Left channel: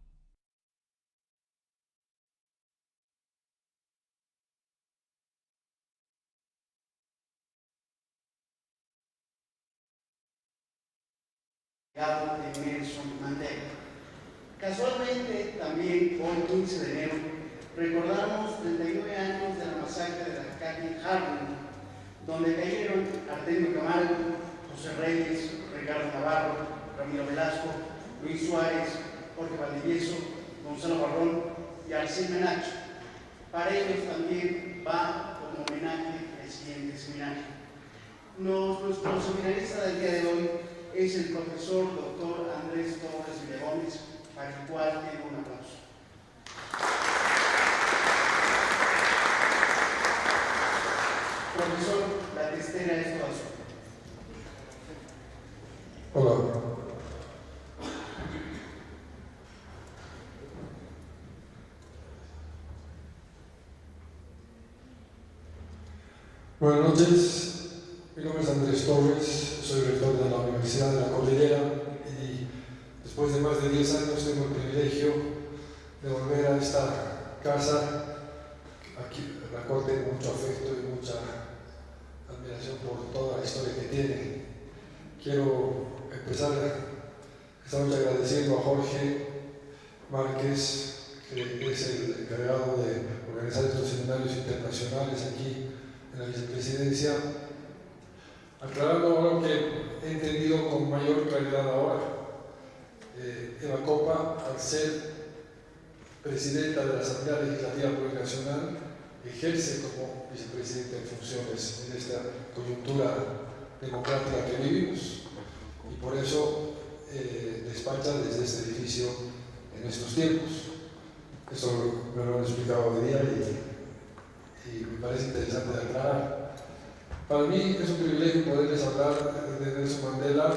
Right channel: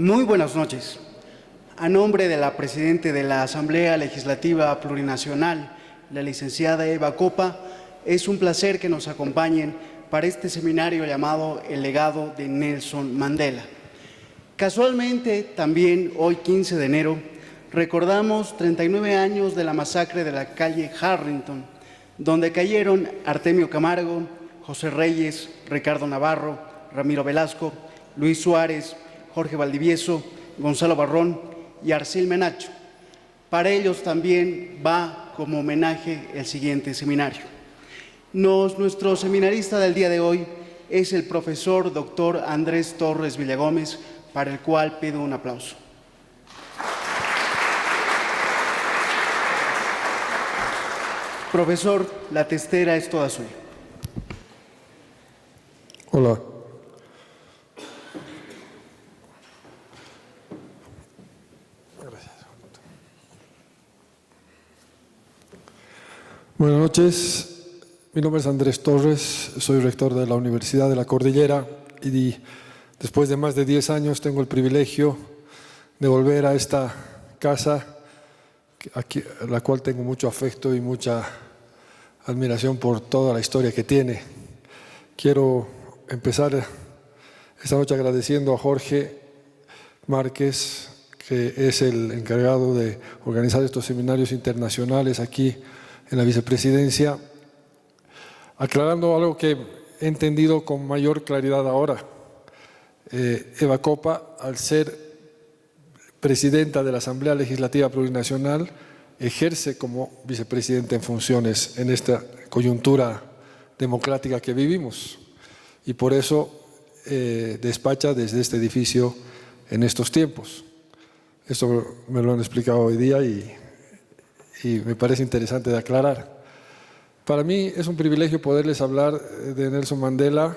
Muy buenas noches. A nombre de la Presidenta de la Asamblea Legislativa Plurinacional, la licenciada Eva Copa, es un placer que nos acompañen para este seminario llamado El legado de Nelson Mandela. Casualmente, también hoy 15 de enero, recordamos 39 años de la masacre de la calle Harrington, donde cayeron Artemio Camargo, José Reyes, Ricardo Navarro, Ramiro Velasco, Luis Suárez, Jorge Valdivieso, Gonzalo Barrón y Arcil Menacho. Para ellos también va como homenaje el siguiente seminario. Nuestro seminarista del día de hoy es el profesor doctor Andrés Torres Villagómez, para el cual pido un aplauso. Profesor, la testera es toda suya. Hola. Buenas noches, mi nombre es Andrés Torres, soy rector de la Universidad de la Cordillera y después de más de 10 años tengo el privilegio de volver a esta casa, a la cual tengo mucho afecto y mucha admiración por toda la historia que tiene. Quiero empezar esta noche agradeciendo a Jorge Márquez, que es el encargado de organizar estos seminarios internacionales aquí en la vicepresidencia, aclarando algo que he entendido con mayor claridad ahora. Eva Copa, al ser presidenta de la Asamblea Legislativa Plurinacional, ejerce como vicepresidenta en funciones en esta coyuntura democrática que vivimos y por eso despacha desde este edificio en estos tiempos. Esto me lo han explicado hoy día y me parece interesante de aclarar. Para mí es un privilegio poderles hablar de Nelson Mandela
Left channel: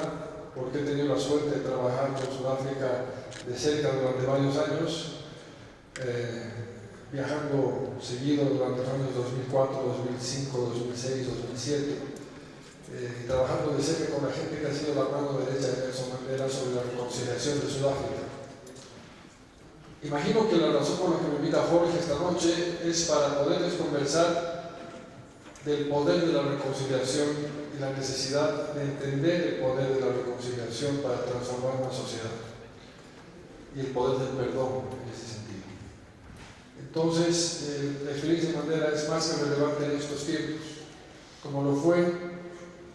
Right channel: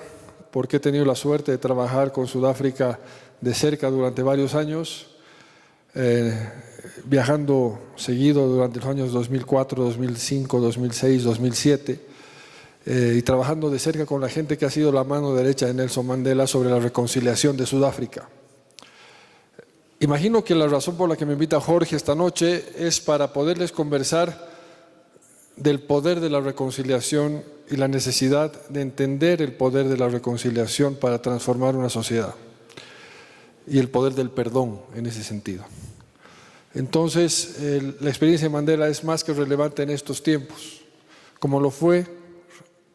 porque he tenido la suerte de trabajar con Sudáfrica de cerca durante varios años, viajando seguido durante los años 2004, 2005, 2006, 2007 y trabajando de cerca con la gente que ha sido la mano derecha de Nelson Mandela sobre la reconciliación de Sudáfrica. Imagino que la razón por la que me invita Jorge esta noche es para poderles conversar del poder de la reconciliación y la necesidad de entender el poder de la reconciliación para transformar una sociedad y el poder del perdón en ese sentido. Entonces, la experiencia de Mandela es más que relevante en estos tiempos, como lo fue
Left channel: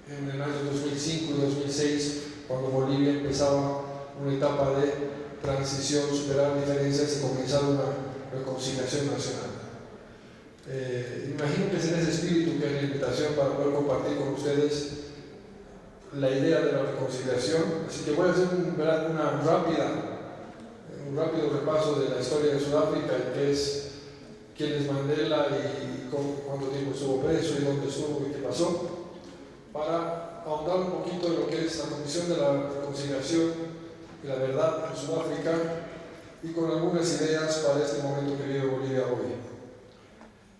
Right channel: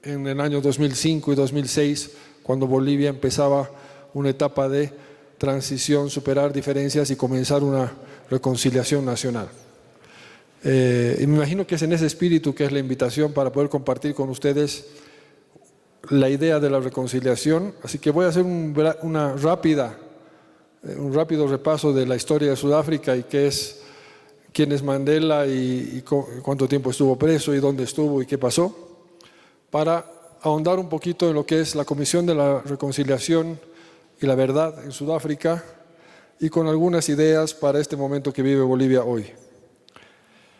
en el año 2005 y 2006, cuando Bolivia empezaba una etapa de transición, superar diferencias y comenzar una reconciliación nacional. Y me imagino que es en ese espíritu que es la invitación para poder compartir con ustedes la idea de la reconciliación. Así que voy a hacer un rápido repaso de la historia de Sudáfrica y quién es Mandela y cuánto tiempo estuvo preso y dónde estuvo y qué pasó, para ahondar un poquito en lo que es la Comisión de la Reconciliación y la Verdad en Sudáfrica y con algunas ideas para este momento que vive Bolivia hoy.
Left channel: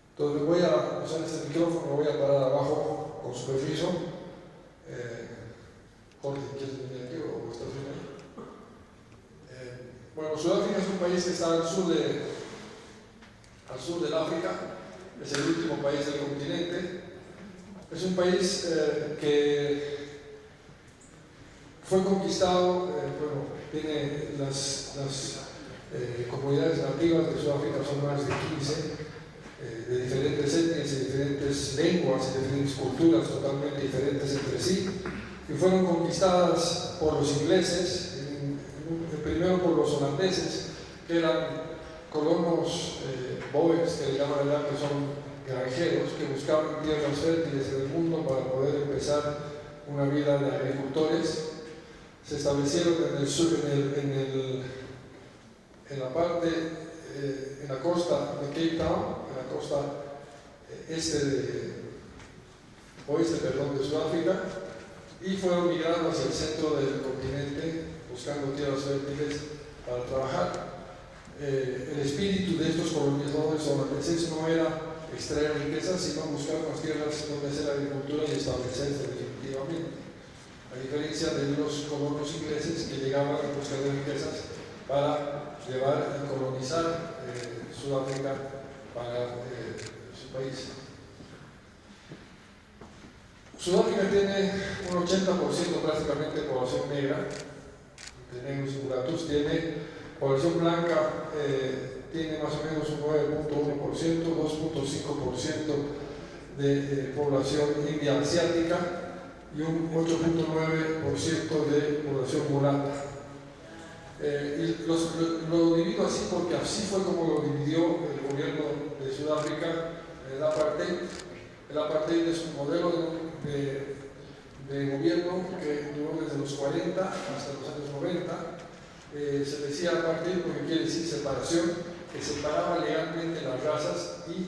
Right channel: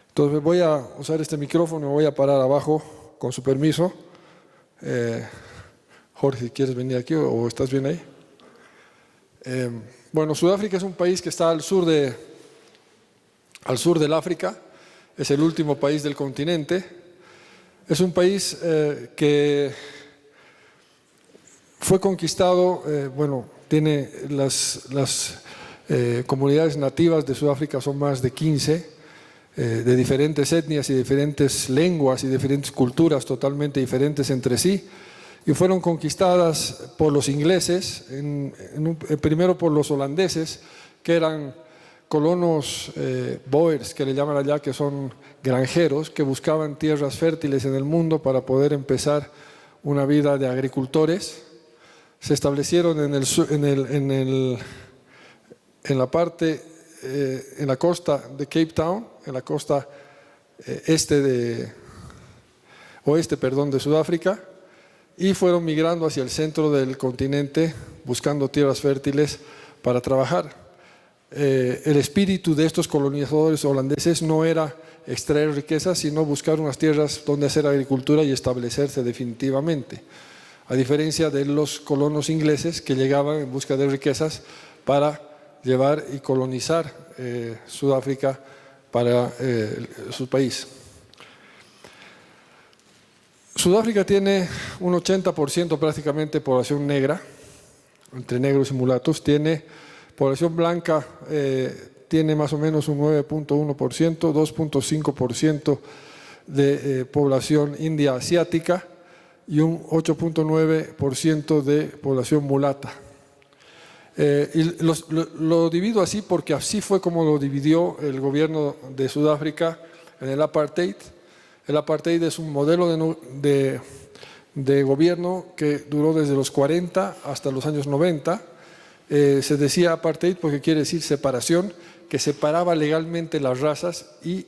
Entonces voy a usar este micrófono, me voy a parar abajo con su permiso. Jorge, ¿quieres venir aquí o estás bien ahí? Bueno, Sudáfrica es un país que está al sur del África, es el último país del continente. Es un país que fue conquistado, tiene las comunidades nativas de Sudáfrica, son más de 15, de diferentes etnias y diferentes lenguas y diferentes culturas totalmente diferentes entre sí, y fueron conquistadas por los ingleses, primero por los holandeses, que eran colonos boers, que le llaman allá, que son granjeros, que buscaban tierras fértiles en el mundo para poder empezar una vida de agricultores. Se establecieron en la costa de Cape Town, en la costa oeste de Sudáfrica, y fueron migrando hacia el centro del continente buscando tierras fértiles para trabajar. El espíritu de estos colonizadores holandeses no era extraer riquezas, sino buscar unas tierras donde hacer agricultura y establecerse definitivamente. A diferencia de los colonos ingleses que llegaban en busca de riquezas para llevar y colonizar Sudáfrica para su país. Sudáfrica tiene un 80% prácticamente población negra, entre negros y mulatos. Tiene población blanca, tiene más o menos un 9.1%, 2.5% de población india asiática y un 8.9% de población mulata. Y lo divido así porque así fue como lo dividió el gobierno de Sudáfrica en el apartheid. El apartheid es un modelo de gobierno que duró desde los 40 hasta los años 90. Se decía apartheid porque quiere decir separación, que separaba legalmente las razas y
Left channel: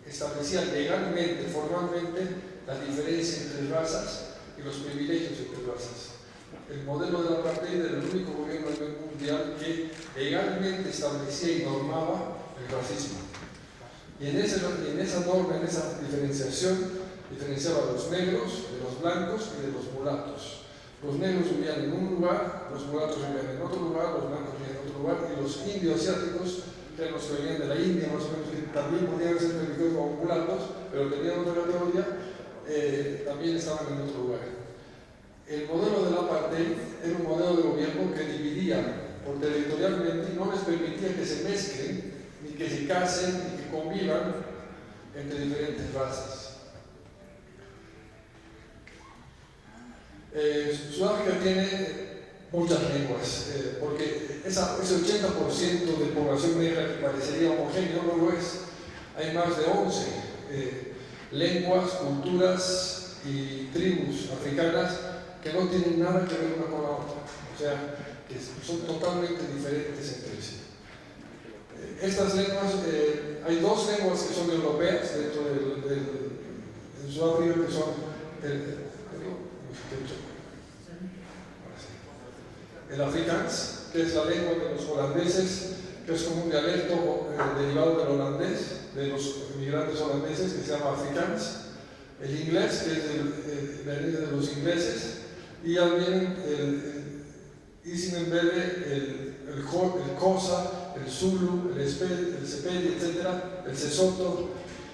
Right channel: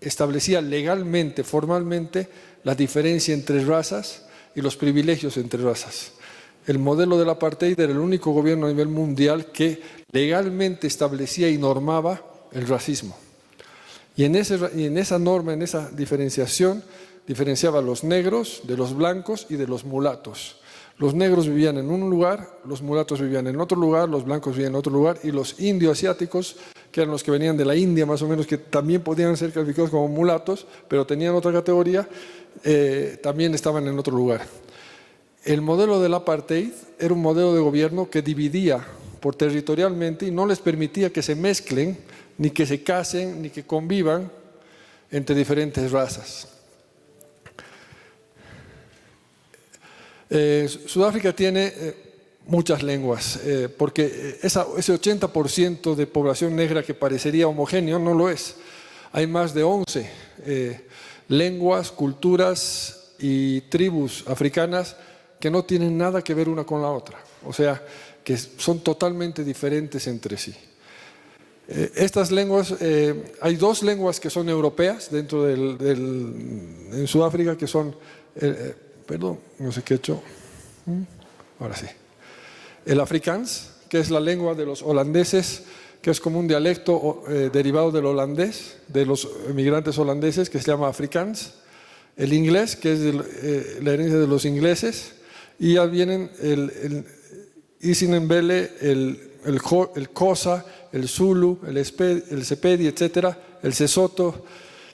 establecía legalmente, formalmente, la diferencia entre razas y los privilegios entre razas. El modelo del apartheid era el único gobierno a nivel mundial que legalmente establecía y normaba el racismo. Y en esa norma, en esa diferenciación, diferenciaba a los negros de los blancos y de los mulatos. Los negros vivían en un lugar, los mulatos vivían en otro lugar, los blancos vivían en otro lugar, y los indio-asiáticos, que eran los que venían de la India más o menos, que también podían ser calificados como mulatos, pero tenían otra categoría, también estaban en otro lugar. El modelo del apartheid era un modelo de gobierno que dividía por territorialmente y no les permitía que se mezclen, ni que se casen, ni que convivan entre diferentes razas. Sudáfrica tiene muchas lenguas, porque ese 80% de población negra que parecería homogéneo no lo es. Hay más de 11 lenguas, culturas y tribus africanas que no tienen nada que ver una con la otra, o sea, que son totalmente diferentes entre sí. Estas lenguas, hay dos lenguas que son europeas dentro en Sudáfrica, que son, perdón, no sé qué he hecho, ahora sí, el Afrikaans, que es la lengua de los holandeses, que es como un dialecto derivado del holandés, de los inmigrantes holandeses, que se llama Afrikaans, el inglés, que es la herencia de los ingleses, y ya vienen el isiNdebele, el Xhosa, el Zulu, el Sepedi, etcétera, el Sesotho,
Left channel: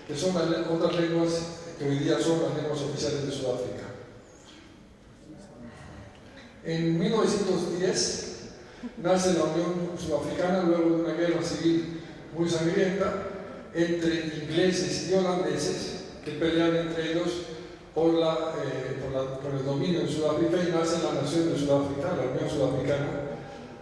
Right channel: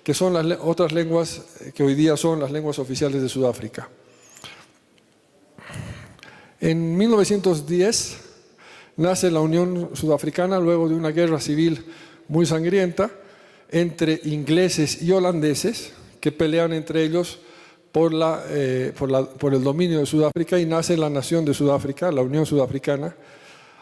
que son las otras lenguas que hoy día son las lenguas oficiales de Sudáfrica. En 1910 nace la Unión Sudafricana luego de una guerra civil muy sangrienta entre ingleses y holandeses que pelean entre ellos por el dominio de Sudáfrica, y nace la nación de Sudáfrica, la Unión Sudafricana,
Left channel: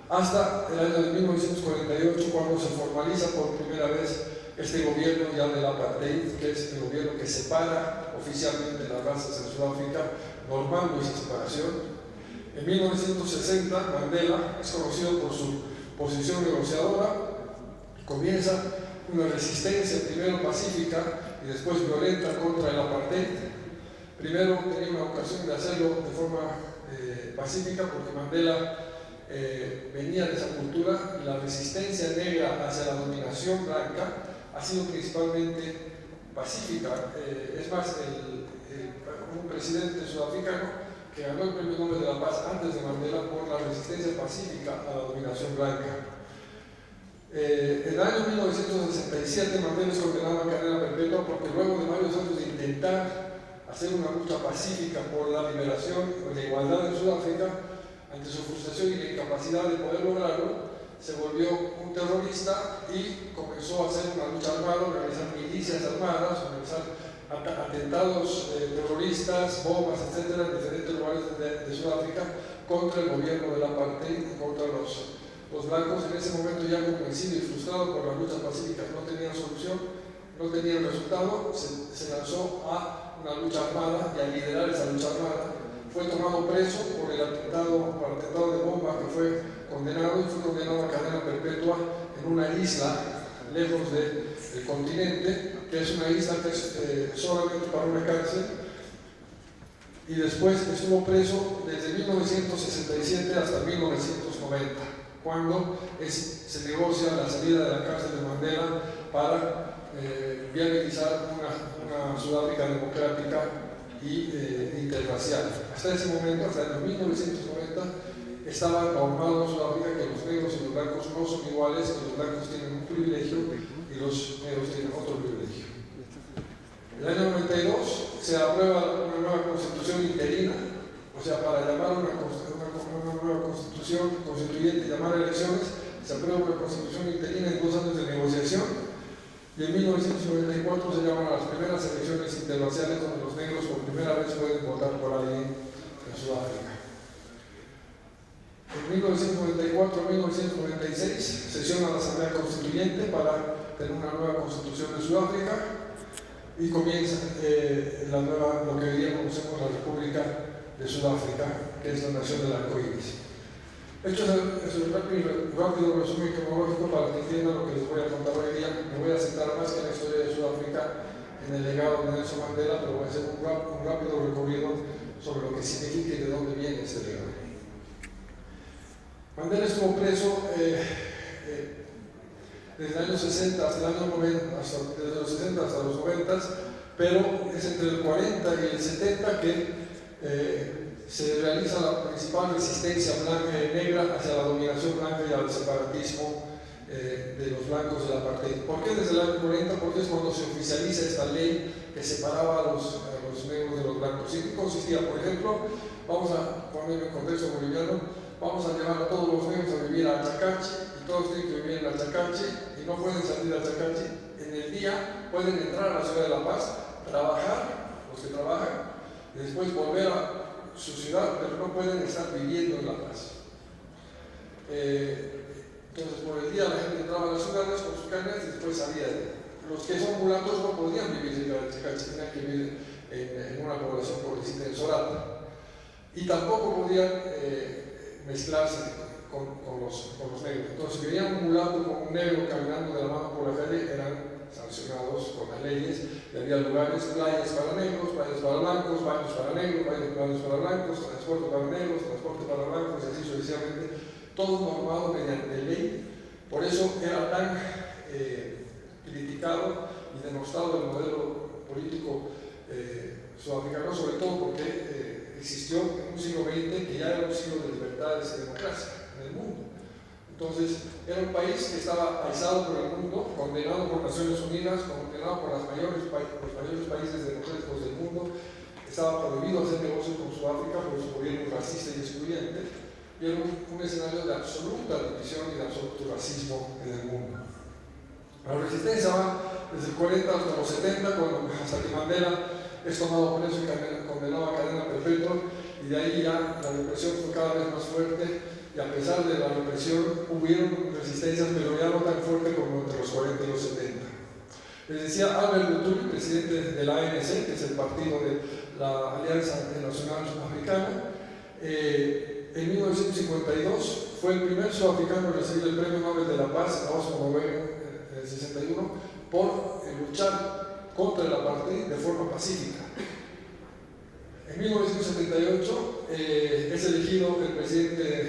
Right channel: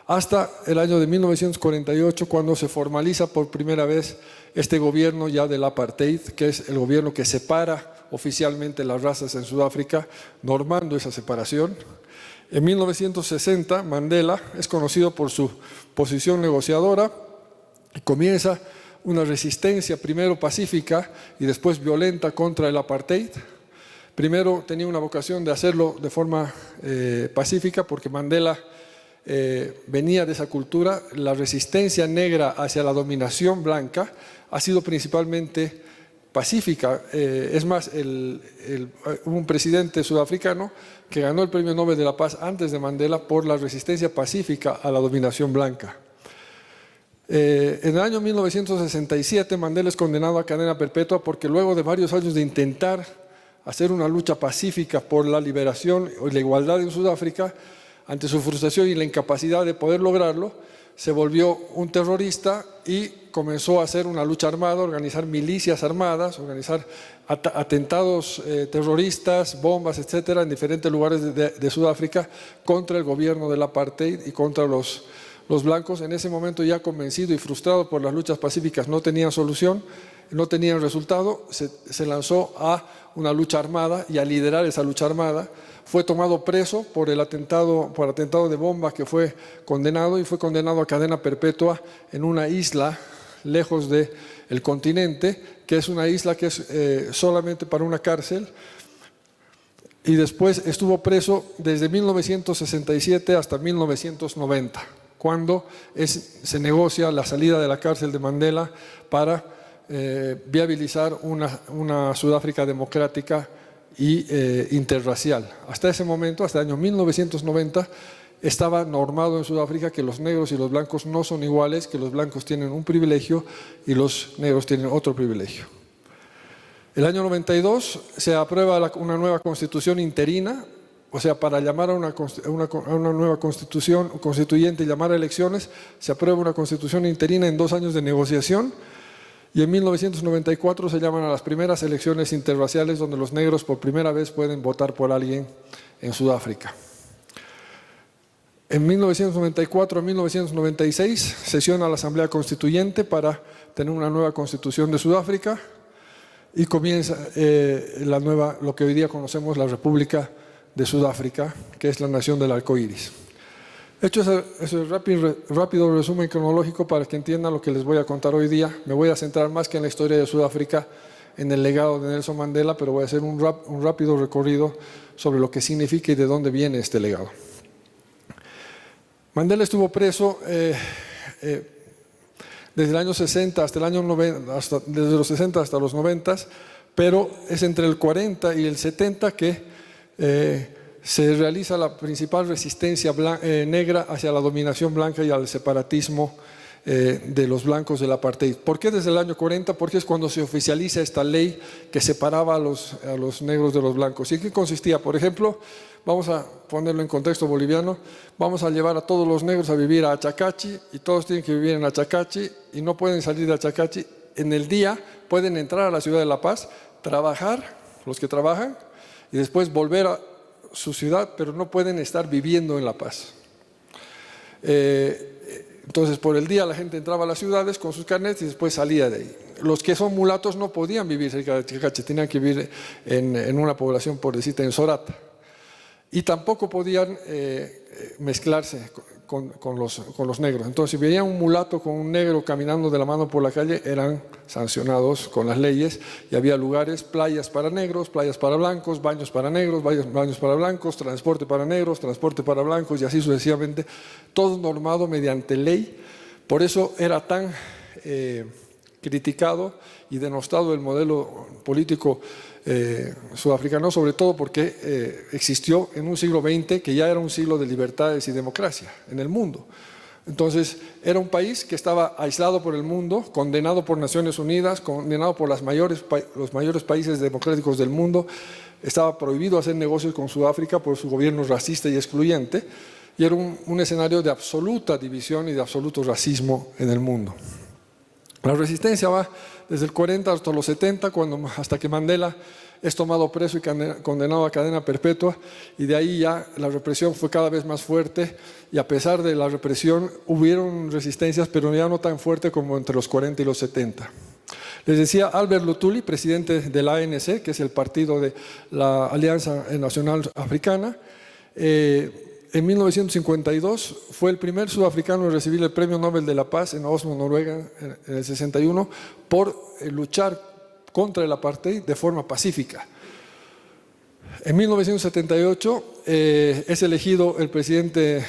hasta el año de 1948, cuando se formaliza por primera vez este gobierno ya del apartheid, que es el gobierno que separa oficialmente las razas en Sudáfrica, normando esa separación. En 1960 Mandela es conocido por su posición negociadora y comienza una resistencia primero pacífica y después violenta contra el apartheid. Primero tenía una vocación de hacerlo de forma pacífica, porque Mandela venía de esa cultura. La resistencia negra hacia la dominación blanca ha sido principalmente pacífica. Es más, hubo un presidente sudafricano que ganó el Premio Nobel de la Paz antes de Mandela por la resistencia pacífica a la dominación blanca. En el año 1967 Mandela es condenado a cadena perpetua porque luego de varios años de intentar hacer una lucha pacífica por la liberación y la igualdad en Sudáfrica, ante su frustración y la incapacidad de poder lograrlo, se volvió un terrorista y comenzó a hacer una lucha armada, organizar milicias armadas, organizar atentados terroristas, bombas, etcétera, en diferentes lugares de Sudáfrica contra el gobierno del apartheid y contra los blancos. En ese momento, ya convencido y frustrado por las luchas pacíficas, no tenía solución, no tenía resultado, se lanzó a una lucha armada, y a liderar esa lucha armada fue tomado preso por atentado de bomba, que fue condenado a cadena perpetua en una isla lejos del continente, que es una isla que es solamente para una cárcel, y después estuvo preso desde 1967 hasta 1990, cuando se negocia la salida de la cárcel de Mandela para viabilizar una Sudáfrica democrática y interracial. Hasta ese momento, hasta el año 1990, estaba normado en Sudáfrica que los negros y los blancos no son iguales, que los blancos tienen un privilegio y los negros tienen otro privilegio. El año 92 se aprueba una nueva constitución interina, o sea, para llamar a una nueva constituyente y llamar a elecciones, se aprueba una constitución interina en 2 años de negociación, y en 1994 se llaman a las primeras elecciones interraciales donde los negros por primera vez pueden votar por alguien en Sudáfrica. En 1994 a 1996 sesiona la Asamblea Constituyente para tener una nueva constitución de Sudáfrica y comienza lo que hoy día conocemos la República de Sudáfrica, que es la nación del arco iris. Hecho ese rápido resumen cronológico para que entiendan lo que les voy a contar hoy día, me voy a centrar más que en la historia de Sudáfrica, en el legado de Nelson Mandela, pero voy a hacer un rápido recorrido sobre lo que significa y de dónde viene este legado. Mandela estuvo preso desde el año 60 hasta el año 90, desde los 60 hasta los 90, pero es entre el 40 y el 70 que se realiza la principal resistencia negra hacia la dominación blanca y al separatismo de los blancos del apartheid. ¿Por qué desde el año 40? Porque es cuando se oficializa esta ley que separaba a los negros de los blancos. ¿Y en qué consistía? Por ejemplo, vamos a ponerlo en contexto boliviano, vamos a llevar a todos los negros a vivir a Achacachi y todos tienen que vivir en Achacachi y no pueden salir de Achacachi. En el día pueden entrar a la ciudad de La Paz, trabajar, los que trabajan, y después volver a su ciudad, pero no pueden estar viviendo en La Paz. Entonces por el día la gente entraba a las ciudades con sus carnets y después salía de ahí. Los que son mulatos no podían vivir cerca de Achacachi, tenían que vivir en una población, por decirte, en Sorata. Y tampoco podían mezclarse con los negros. Entonces, si veían un mulato con un negro caminando de la mano por la calle, eran sancionados con las leyes, y había lugares, playas para negros, playas para blancos, baños para negros, baños para blancos, transporte para negros, transporte para blancos, y así sucesivamente, todo normado mediante ley. Por eso era tan criticado y denostado el modelo político sudafricano, sobre todo porque existió en un siglo XX que ya era un siglo de libertades y democracia en el mundo. Entonces era un país que estaba aislado por el mundo, condenado por Naciones Unidas, condenado por los mayores países democráticos del mundo. Estaba prohibido hacer negocios con Sudáfrica por su gobierno racista y excluyente, y era un escenario de absoluta división y de absoluto racismo en el mundo. La resistencia va desde el 40 hasta los 70, hasta que Mandela es tomado preso y condenado a cadena perpetua, y de ahí ya la represión fue cada vez más fuerte, y a pesar de la represión hubieron resistencias, pero ya no tan fuerte como entre los 40 y los 70. Les decía, Albert Luthuli, presidente de la ANC, que es el partido de la Alianza Nacional Africana, en 1952 fue el primer sudafricano en recibir el Premio Nobel de la Paz en Oslo, Noruega, en el 61, por luchar contra el apartheid de forma pacífica. En 1978 es elegido el presidente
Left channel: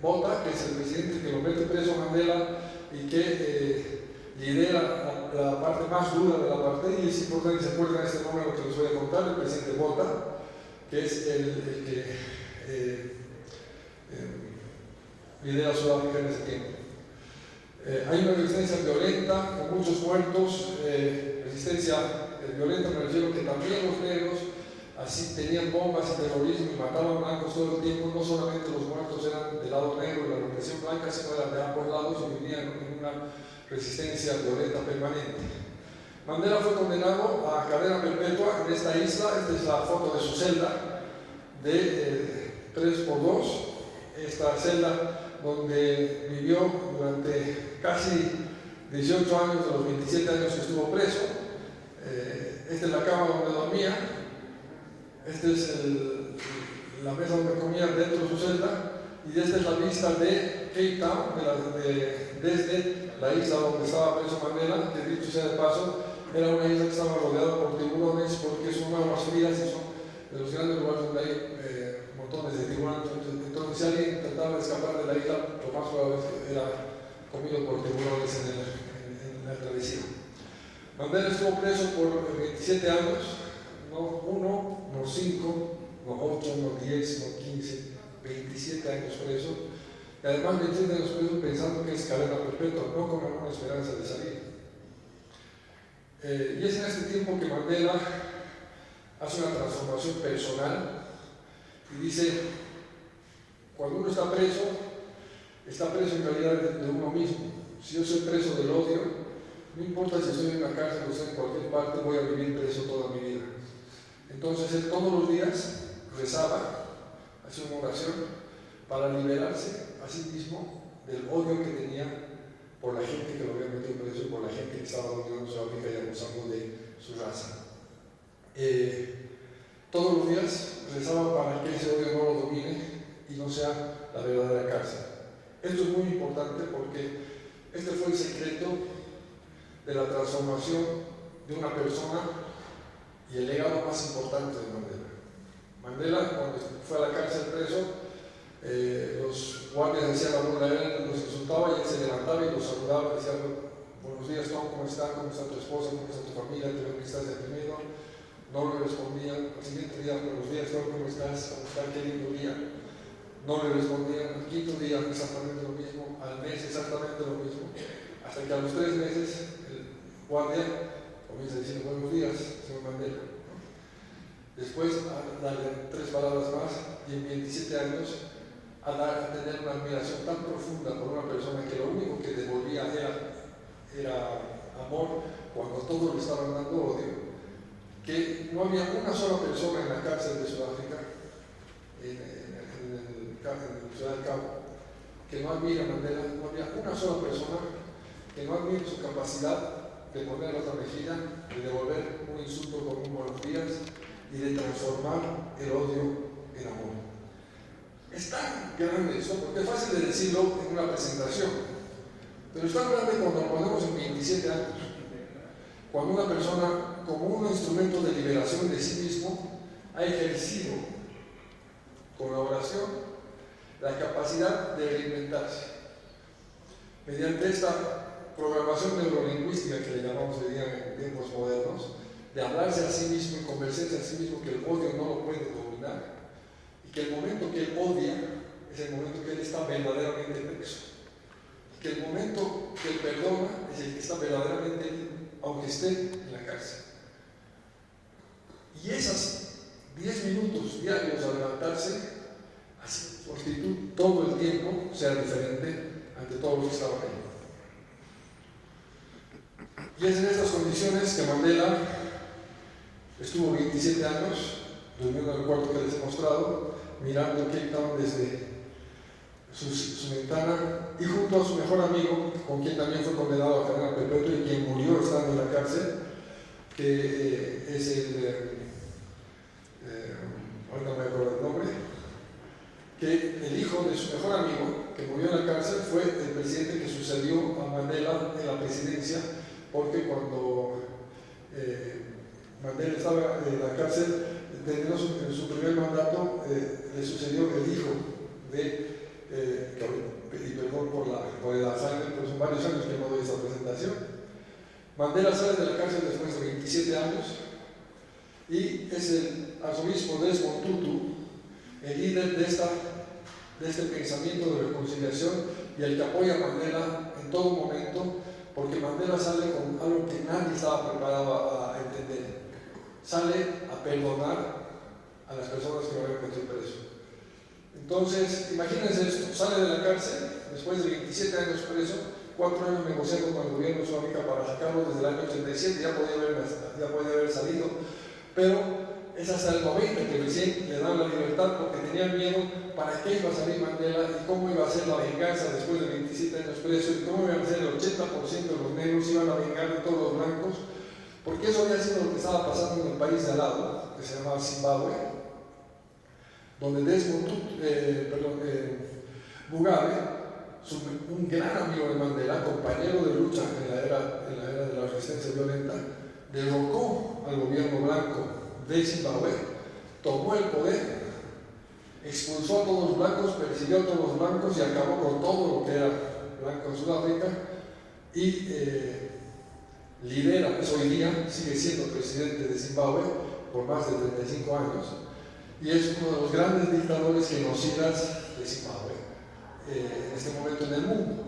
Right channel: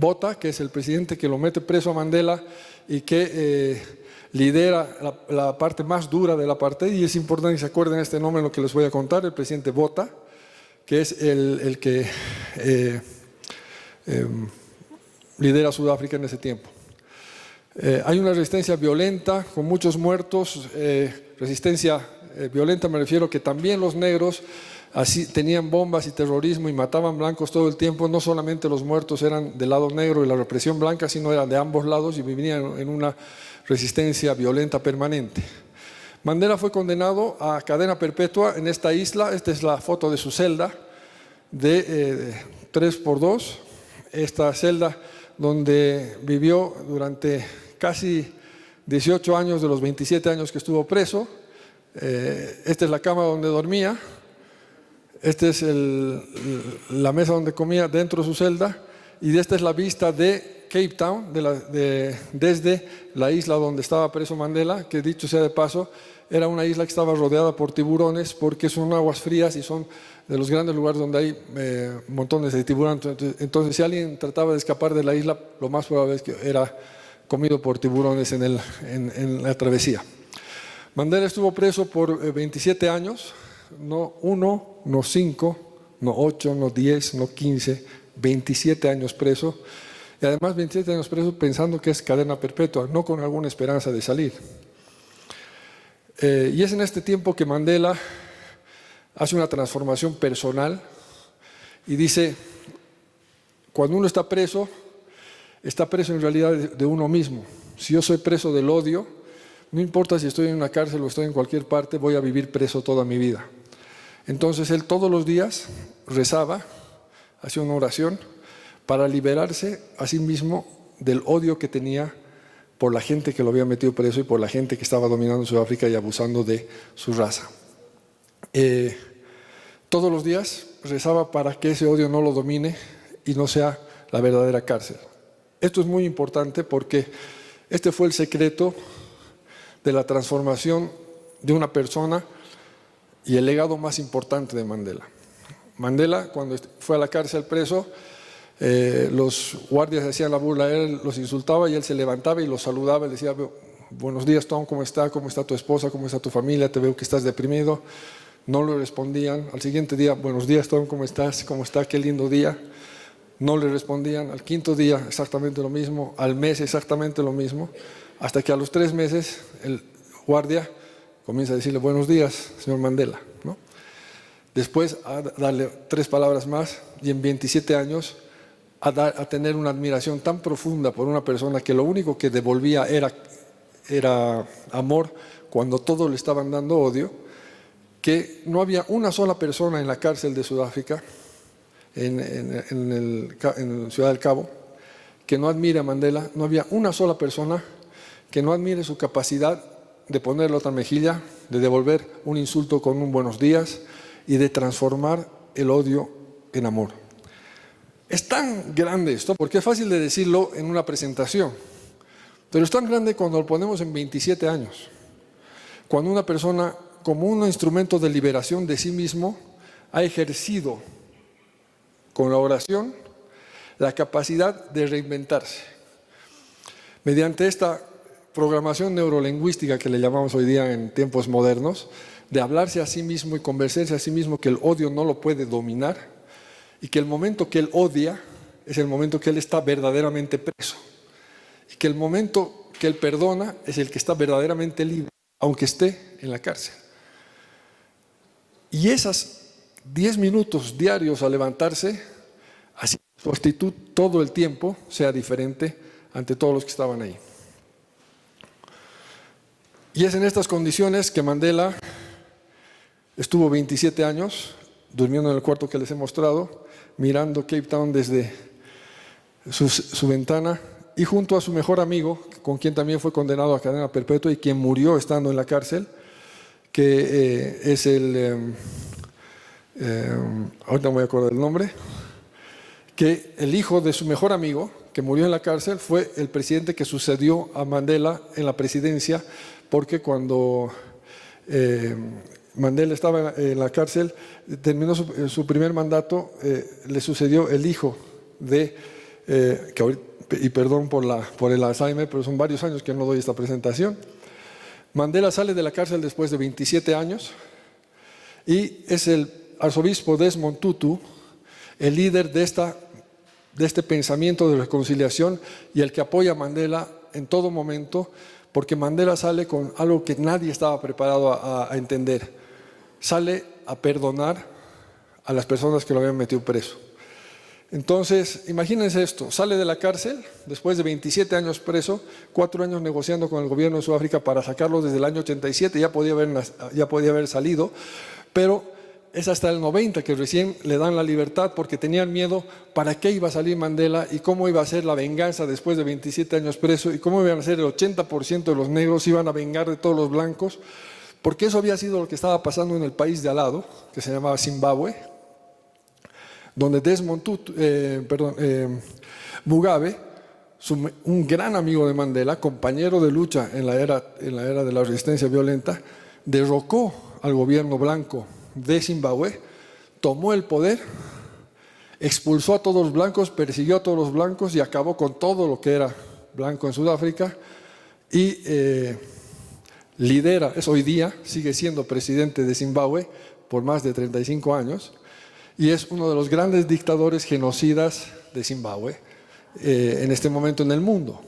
Botha, que es el presidente que lo mete preso a Mandela y que lidera la parte más dura del apartheid, y es importante que se acuerden este nombre lo que les voy a contar, el presidente Botha, que es el que lidera Sudáfrica en ese tiempo. Hay una resistencia violenta con muchos muertos. Resistencia violenta me refiero que también los negros así tenían bombas y terrorismo y mataban blancos todo el tiempo. No solamente los muertos eran del lado negro y la represión blanca, sino eran de ambos lados, y vivían en una resistencia violenta permanente. Mandela fue condenado a cadena perpetua en esta isla. Esta es la foto de su celda de 3×2. Esta celda donde vivió durante casi 18 años de los 27 años que estuvo preso. Esta es la cama donde dormía. Esta es la mesa donde comía dentro de su celda. Y esta es la vista de Cape Town, desde la isla donde estaba preso Mandela, que dicho sea de paso, era una isla que estaba rodeada por tiburones, porque son aguas frías y son de los grandes lugares donde hay montones de tiburones. Entonces, si alguien trataba de escapar de la isla, lo más probable es que era comido por tiburones en la travesía. Mandela estuvo preso por 27 años, no 1, no 5, no 8, no 10, no 15, 27 años preso, y además 27 años preso pensando que es cadena perpetua, no con alguna esperanza de salir. Y es en este tiempo que Mandela hace una transformación personal y dice, cuando uno está preso en realidad de uno mismo. Si yo soy preso del odio, no importa si estoy en una cárcel o estoy en cualquier parte, voy a vivir preso toda mi vida. Entonces él todos los días rezaba, hacía una oración para liberarse a sí mismo del odio que tenía por la gente que lo había metido preso y por la gente que estaba dominando Sudáfrica y abusando de su raza. Todos los días rezaba para que ese odio no lo domine y no sea la verdadera cárcel. Esto es muy importante porque este fue el secreto de la transformación de una persona y el legado más importante de Mandela. Mandela, cuando fue a la cárcel preso, los guardias hacían la burla, él los insultaba y él se levantaba y los saludaba y decía, buenos días Tom, ¿cómo está tu esposa? ¿Cómo está tu familia? Te veo que estás deprimido. No le respondían. Al siguiente día, buenos días Tom, ¿cómo estás? ¿Cómo está? Qué lindo día. No le respondían. Al quinto día exactamente lo mismo, al mes exactamente lo mismo, hasta que a los 3 meses el guardia comienza a decirle, buenos días señor Mandela, ¿no? Después a darle 3 palabras más y en 27 años a tener una admiración tan profunda por una persona que lo único que devolvía era amor cuando todos le estaban dando odio, que no había una sola persona en la cárcel de Sudáfrica, en Ciudad del Cabo, que no admire a Mandela. No había una sola persona que no admire su capacidad de poner la otra mejilla, de devolver un insulto con un buenos días y de transformar el odio en amor. Es tan grande esto, porque es fácil de decirlo en una presentación, pero es tan grande cuando lo ponemos en 27 años. Cuando una persona, como un instrumento de liberación de sí mismo, ha ejercido con la oración la capacidad de reinventarse. Mediante esta programación neurolingüística que le llamamos hoy día en tiempos modernos, de hablarse a sí mismo y convencerse a sí mismo que el odio no lo puede dominar y que el momento que él odia es el momento que él está verdaderamente preso y que el momento que él perdona es el que está verdaderamente libre, aunque esté en la cárcel. Y esas 10 minutos diarios a levantarse, así su actitud todo el tiempo sea diferente ante todos los que estaban ahí. Y es en estas condiciones que Mandela estuvo 27 años durmiendo en el cuarto que les he mostrado, mirando Cape Town desde su ventana y junto a su mejor amigo, con quien también fue condenado a cadena perpetua y quien murió estando en la cárcel, que es ahorita me voy a acordar el nombre, que el hijo de su mejor amigo, que murió en la cárcel, fue el presidente que sucedió a Mandela en la presidencia, porque cuando Mandela estaba en la cárcel, terminó su primer mandato, le sucedió el hijo de, y perdón por el Alzheimer, pero son varios años que no doy esta presentación. Mandela sale de la cárcel después de 27 años y es el arzobispo Desmond Tutu, el líder de este pensamiento de reconciliación y el que apoya a Mandela en todo momento, porque Mandela sale con algo que nadie estaba preparado a entender. Sale a perdonar a las personas que lo habían metido preso. Entonces, imagínense esto, sale de la cárcel después de 27 años preso, 4 años negociando con el gobierno de Sudáfrica para sacarlo desde el año 87, ya podía haber salido, pero es hasta el 90 que recién le dan la libertad porque tenían miedo para qué iba a salir Mandela y cómo iba a ser la venganza después de 27 años preso y cómo iban a ser el 80% de los negros iban a vengar de todos los blancos, porque eso había sido lo que estaba pasando en el país de al lado, que se llamaba Zimbabue, donde Mugabe, un gran amigo de Mandela, compañero de lucha en la era de la resistencia violenta, derrocó al gobierno blanco de Zimbabue, tomó el poder, expulsó a todos los blancos, persiguió a todos los blancos y acabó con todo lo que era blanco en Sudáfrica y lidera, es hoy día, sigue siendo presidente de Zimbabue por más de 35 años y es uno de los grandes dictadores genocidas de Zimbabue en este momento en el mundo.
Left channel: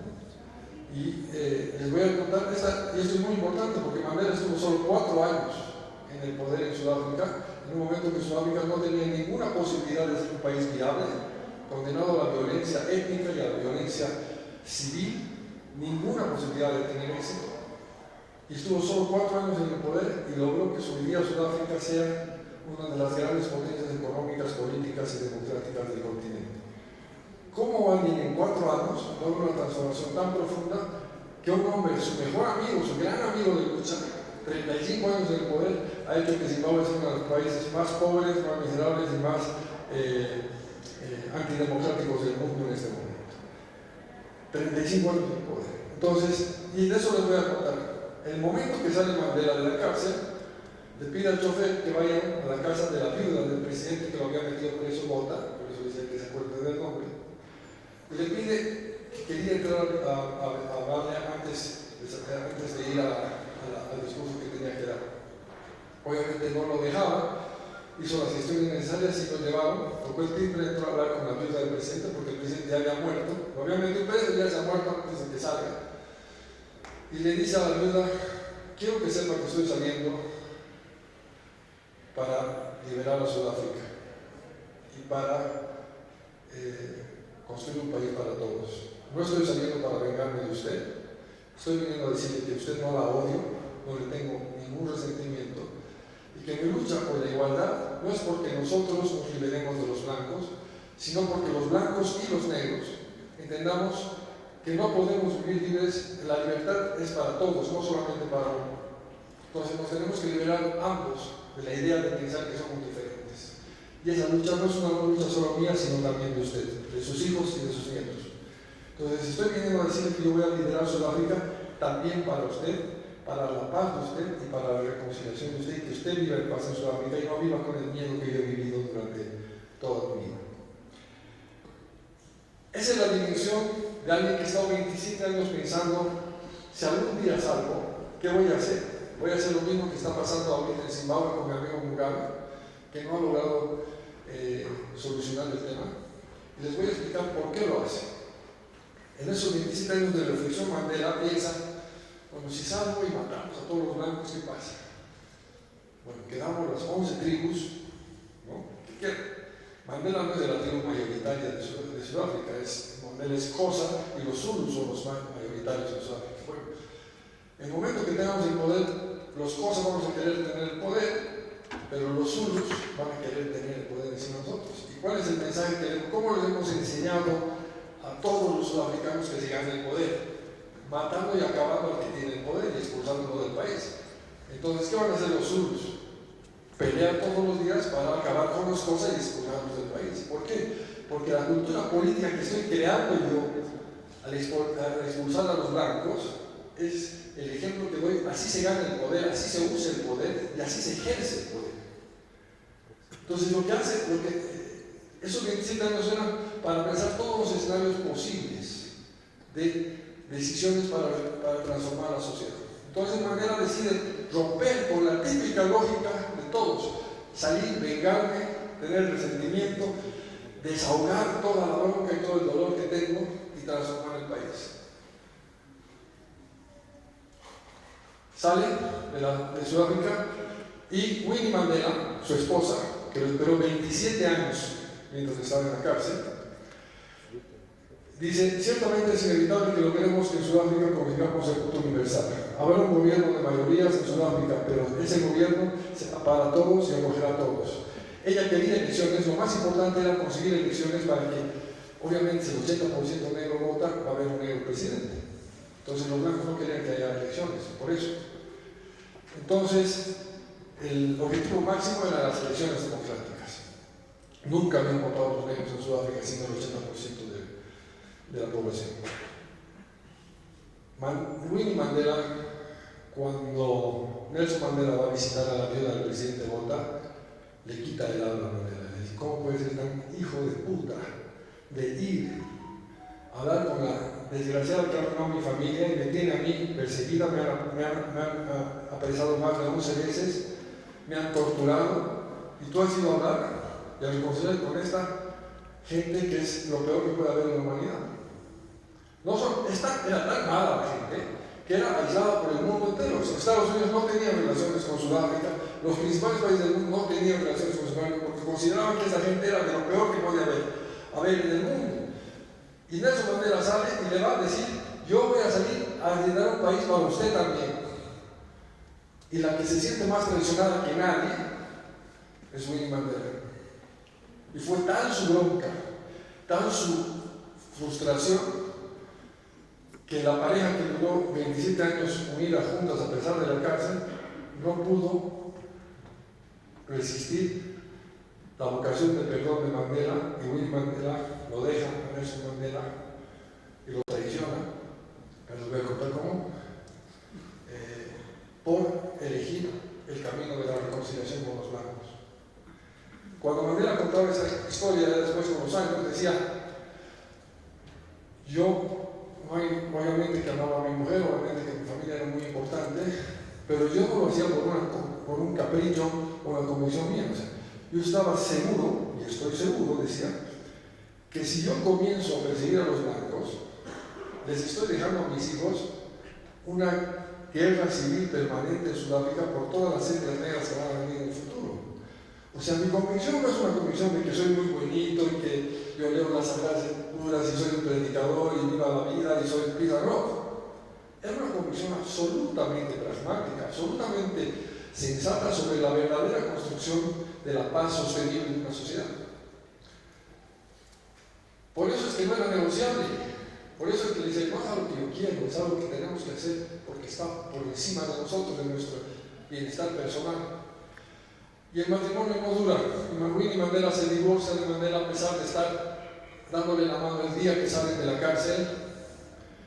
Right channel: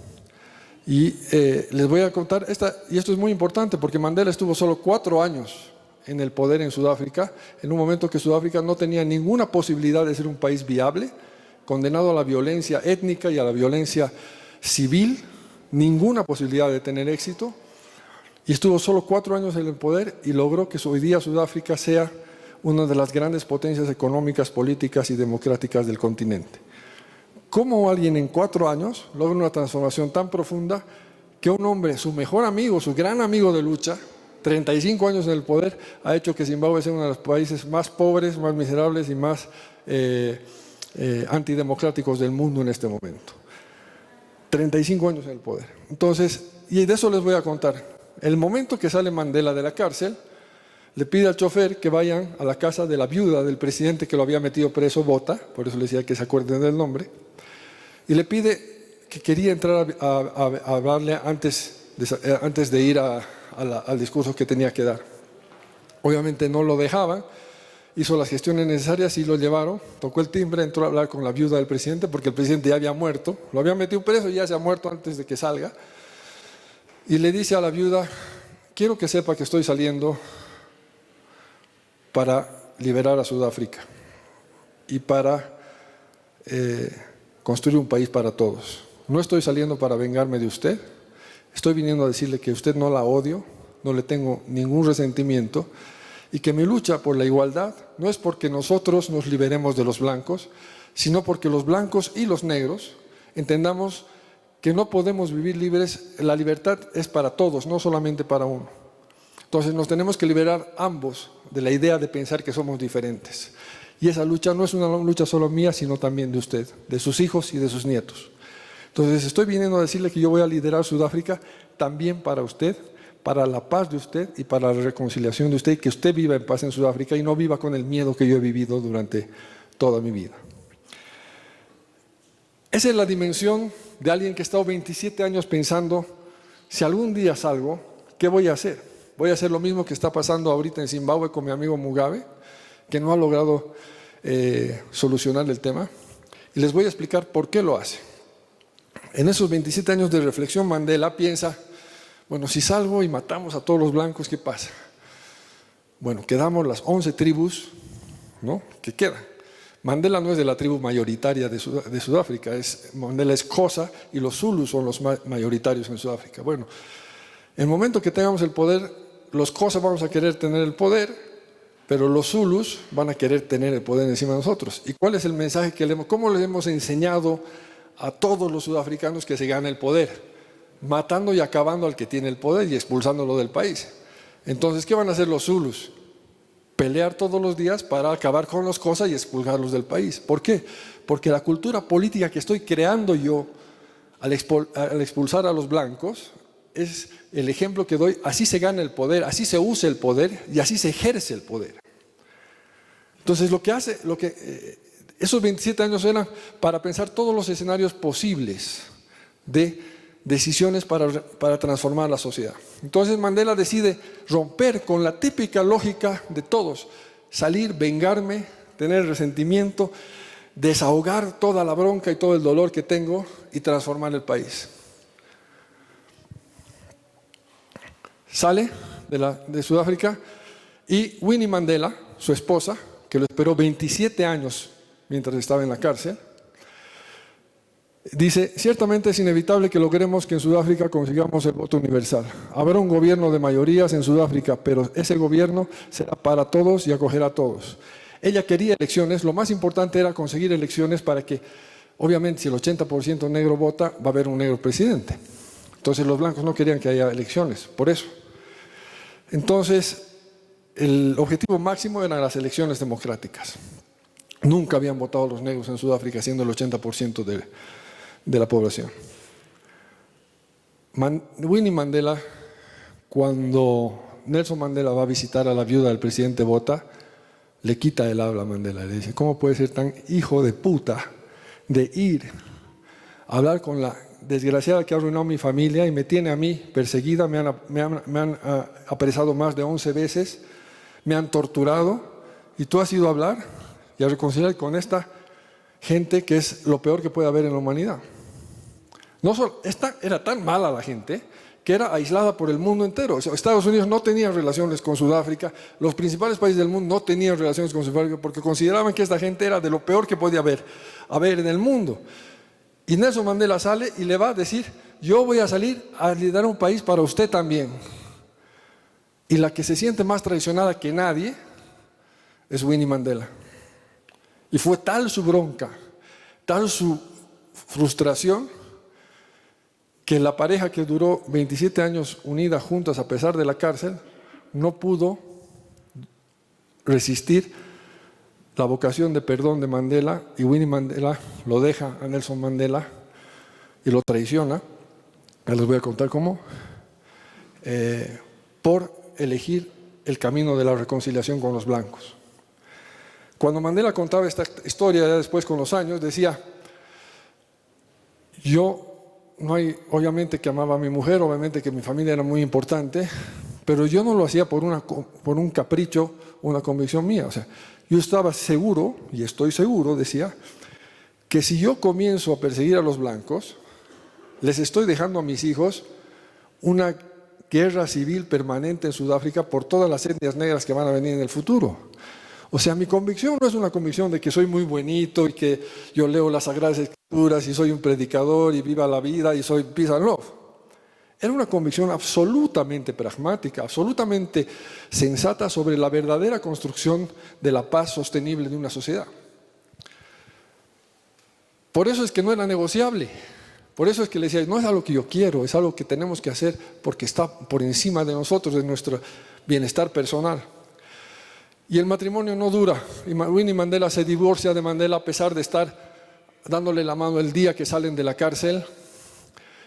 Y les voy a contar, y esto es muy importante porque Mandela estuvo solo 4 años en el poder en Sudáfrica, en un momento que Sudáfrica no tenía ninguna posibilidad de ser un país viable, condenado a la violencia étnica y a la violencia civil, ninguna posibilidad de tener éxito, y estuvo solo 4 años en el poder y logró que hoy día Sudáfrica sea una de las grandes potencias económicas, políticas y democráticas del continente. ¿Cómo alguien en 4 años logra una transformación tan profunda que un hombre, su mejor amigo, su gran amigo de lucha, 35 años en el poder, ha hecho que Zimbabue sea uno de los países más pobres, más miserables y más antidemocráticos del mundo en este momento? 35 años en el poder. Entonces, y de eso les voy a contar. El momento que sale Mandela de la cárcel, le pide al chofer que vayan a la casa de la viuda del presidente que lo había metido preso, Botha, por eso le decía que se acuerden del nombre, y le pide que quería entrar a hablarle antes de ir al discurso que tenía que dar. Obviamente no lo dejaba, hizo las gestiones necesarias y lo llevaron, tocó el timbre, entró a hablar con la viuda del presidente porque el presidente ya había muerto, lo habían metido preso y ya se ha muerto antes de que salga, y le dice a la viuda: quiero que sepa que estoy saliendo para liberar a Sudáfrica y para construir un país para todos. No estoy saliendo para vengarme de usted, estoy viniendo a decirle que usted no la odio, no le tengo ningún resentimiento, y que mi lucha por la igualdad no es porque nosotros nos liberemos de los blancos, sino porque los blancos y los negros entendamos que no podemos vivir libres. La libertad es para todos, no solamente para uno. Entonces nos tenemos que liberar ambos de la idea de pensar que somos diferentes. Y esa lucha no es una lucha solo mía, sino también de usted, de sus hijos y de sus nietos. Entonces estoy viniendo a decirle que yo voy a liderar Sudáfrica también para usted, para la paz de usted y para la reconciliación de usted, y que usted viva en paz en Sudáfrica y no viva con el miedo que yo he vivido durante toda mi vida. Esa es la dimensión de alguien que ha estado 27 años pensando: si algún día salgo, ¿qué voy a hacer? Voy a hacer lo mismo que está pasando ahorita en Zimbabue con mi amigo Mugabe, que no ha logrado solucionar el tema, y les voy a explicar por qué lo hace. En esos 27 años de reflexión, Mandela piensa: bueno, si salgo y matamos a todos los blancos, ¿qué pasa? Bueno, quedamos las 11 tribus, ¿no?, que quedan. Mandela no es de la tribu mayoritaria de Sudáfrica, Mandela es Xhosa y los Zulus son los mayoritarios en Sudáfrica. Bueno, en el momento que tengamos el poder, los Xhosa vamos a querer tener el poder, pero los Zulus van a querer tener el poder encima de nosotros. ¿Y cuál es el mensaje que cómo les hemos enseñado a todos los sudafricanos que se gane el poder? Matando y acabando al que tiene el poder y expulsándolo del país. Entonces, ¿qué van a hacer los Zulus? Pelear todos los días para acabar con las cosas y expulsarlos del país. ¿Por qué? Porque la cultura política que estoy creando yo al expulsar a los blancos es el ejemplo que doy. Así se gana el poder, así se usa el poder y así se ejerce el poder. Entonces esos 27 años eran para pensar todos los escenarios posibles de decisiones para transformar la sociedad. Entonces Mandela decide romper con la típica lógica de todos: salir, vengarme, tener resentimiento, desahogar toda la bronca y todo el dolor que tengo y transformar el país. Sale de Sudáfrica y Winnie Mandela, su esposa, que lo esperó 27 años mientras estaba en la cárcel, dice: ciertamente es inevitable que logremos que en Sudáfrica consigamos el voto universal. Habrá un gobierno de mayorías en Sudáfrica, pero ese gobierno será para todos y acogerá a todos. Ella quería elecciones, lo más importante era conseguir elecciones para que, obviamente, si el 80% negro vota, va a haber un negro presidente. Entonces los blancos no querían que haya elecciones, por eso. Entonces, el objetivo máximo eran las elecciones democráticas. Nunca habían votado los negros en Sudáfrica, siendo el 80% de la población. Winnie Mandela, cuando Nelson Mandela va a visitar a la viuda del presidente Botha, le quita el habla a Mandela. Le dice: ¿cómo puede ser tan hijo de puta de ir a hablar con la desgraciada que ha arruinado mi familia y me tiene a mí perseguida? Me han apresado más de 11 veces, me han torturado, y tú has ido a hablar. y a reconciliar con esta gente que es lo peor que puede haber en la humanidad. No solo, esta era tan mala la gente que era aislada por el mundo entero. O sea, Estados Unidos no tenía relaciones con Sudáfrica, los principales países del mundo no tenían relaciones con Sudáfrica porque consideraban que esta gente era de lo peor que podía haber en el mundo. Y Nelson Mandela sale y le va a decir: yo voy a salir a liderar un país para usted también. Y la que se siente más traicionada que nadie es Winnie Mandela. Y fue tal su bronca, tal su frustración, que la pareja que duró 27 años unida juntas a pesar de la cárcel no pudo resistir la vocación de perdón de Mandela, y Winnie Mandela lo deja a Nelson Mandela y lo traiciona. Ya les voy a contar cómo, por elegir el camino de la reconciliación con los blancos. Cuando Mandela contaba esta historia, ya después con los años, decía: obviamente que amaba a mi mujer, obviamente que mi familia era muy importante, pero yo no lo hacía por un capricho, una convicción mía. O sea, yo estaba seguro, y estoy seguro, decía, que si yo comienzo a perseguir a los blancos, les estoy dejando a mis hijos una guerra civil permanente en Sudáfrica por todas las etnias negras que van a venir en el futuro. O sea, mi convicción no es una convicción de que soy muy bonito y que yo leo las Sagradas Escrituras y soy un predicador y viva la vida y soy peace and love. Era una convicción absolutamente pragmática, absolutamente sensata sobre la verdadera construcción de la paz sostenible en una sociedad. Por eso es que no era negociable. Por eso es que le decía: no es algo que yo quiero, es algo que tenemos que hacer porque está por encima de nosotros, de nuestro bienestar personal. Y el matrimonio no dura. Winnie Mandela se divorcia de Mandela a pesar de estar dándole la mano el día que salen de la cárcel,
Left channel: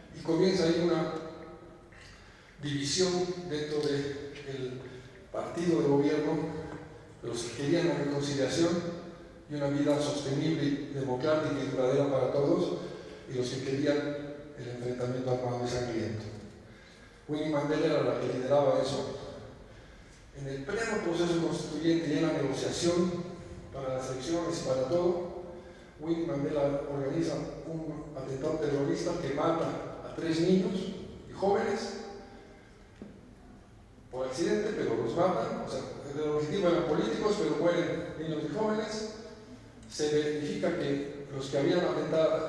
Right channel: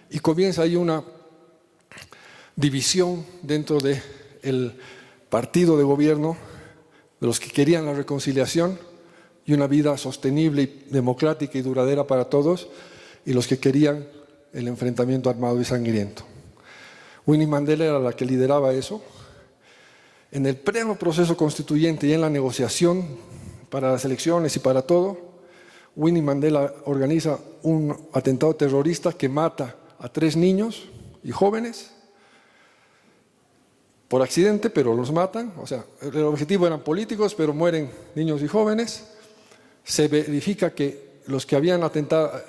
y comienza ahí una división dentro del partido de gobierno, de los que querían la reconciliación y una vida sostenible y democrática y duradera para todos, y los que querían el enfrentamiento armado y sangriento. Winnie Mandela era la que lideraba eso. En el pleno proceso constituyente y en la negociación para las elecciones y para todo, Winnie Mandela organiza un atentado terrorista que mata a 3 niños y jóvenes por accidente, pero los matan. O sea, el objetivo eran políticos, pero mueren niños y jóvenes. Se verifica que los que habían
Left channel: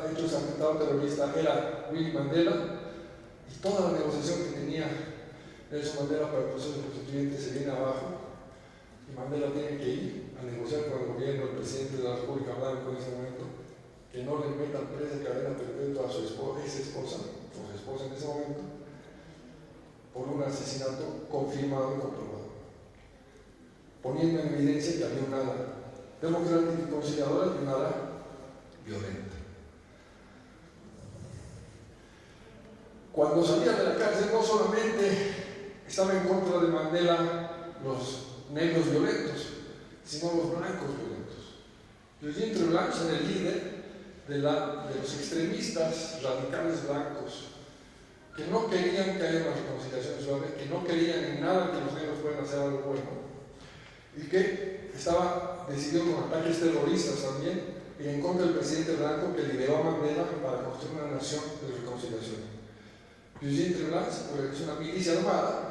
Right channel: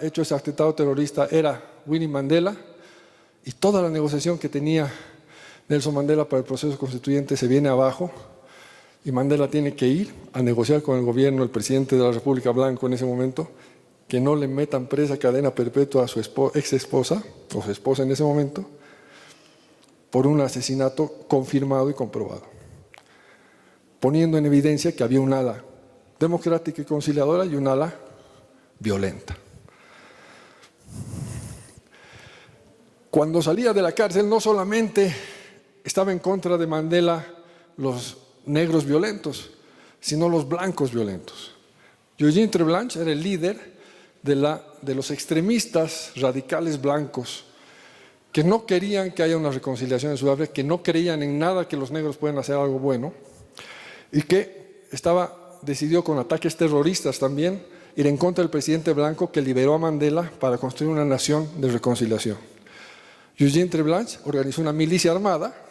hecho ese atentado terrorista era Winnie Mandela, y toda la negociación que tenía Nelson Mandela para el proceso constituyente se viene abajo, y Mandela tiene que ir a negociar con el gobierno, el presidente de la República Blanco en ese momento, que no le metan presa cadena perpetua a su ex esposa, o su esposa en ese momento, por un asesinato confirmado y comprobado, poniendo en evidencia que había un ala democrática y conciliadora y un ala violenta. Cuando salía de la cárcel, no solamente estaba en contra de Mandela los negros violentos, sino los blancos violentos. Eugene Treblanche era el líder de los extremistas radicales blancos que no querían que haya una reconciliación en Sudáfrica, que no creían en nada que los negros puedan hacer algo bueno, y que decidió con ataques terroristas también ir en contra del presidente blanco que liberó a Mandela para construir una nación de reconciliación. Eugene Treblanche organizó una milicia armada,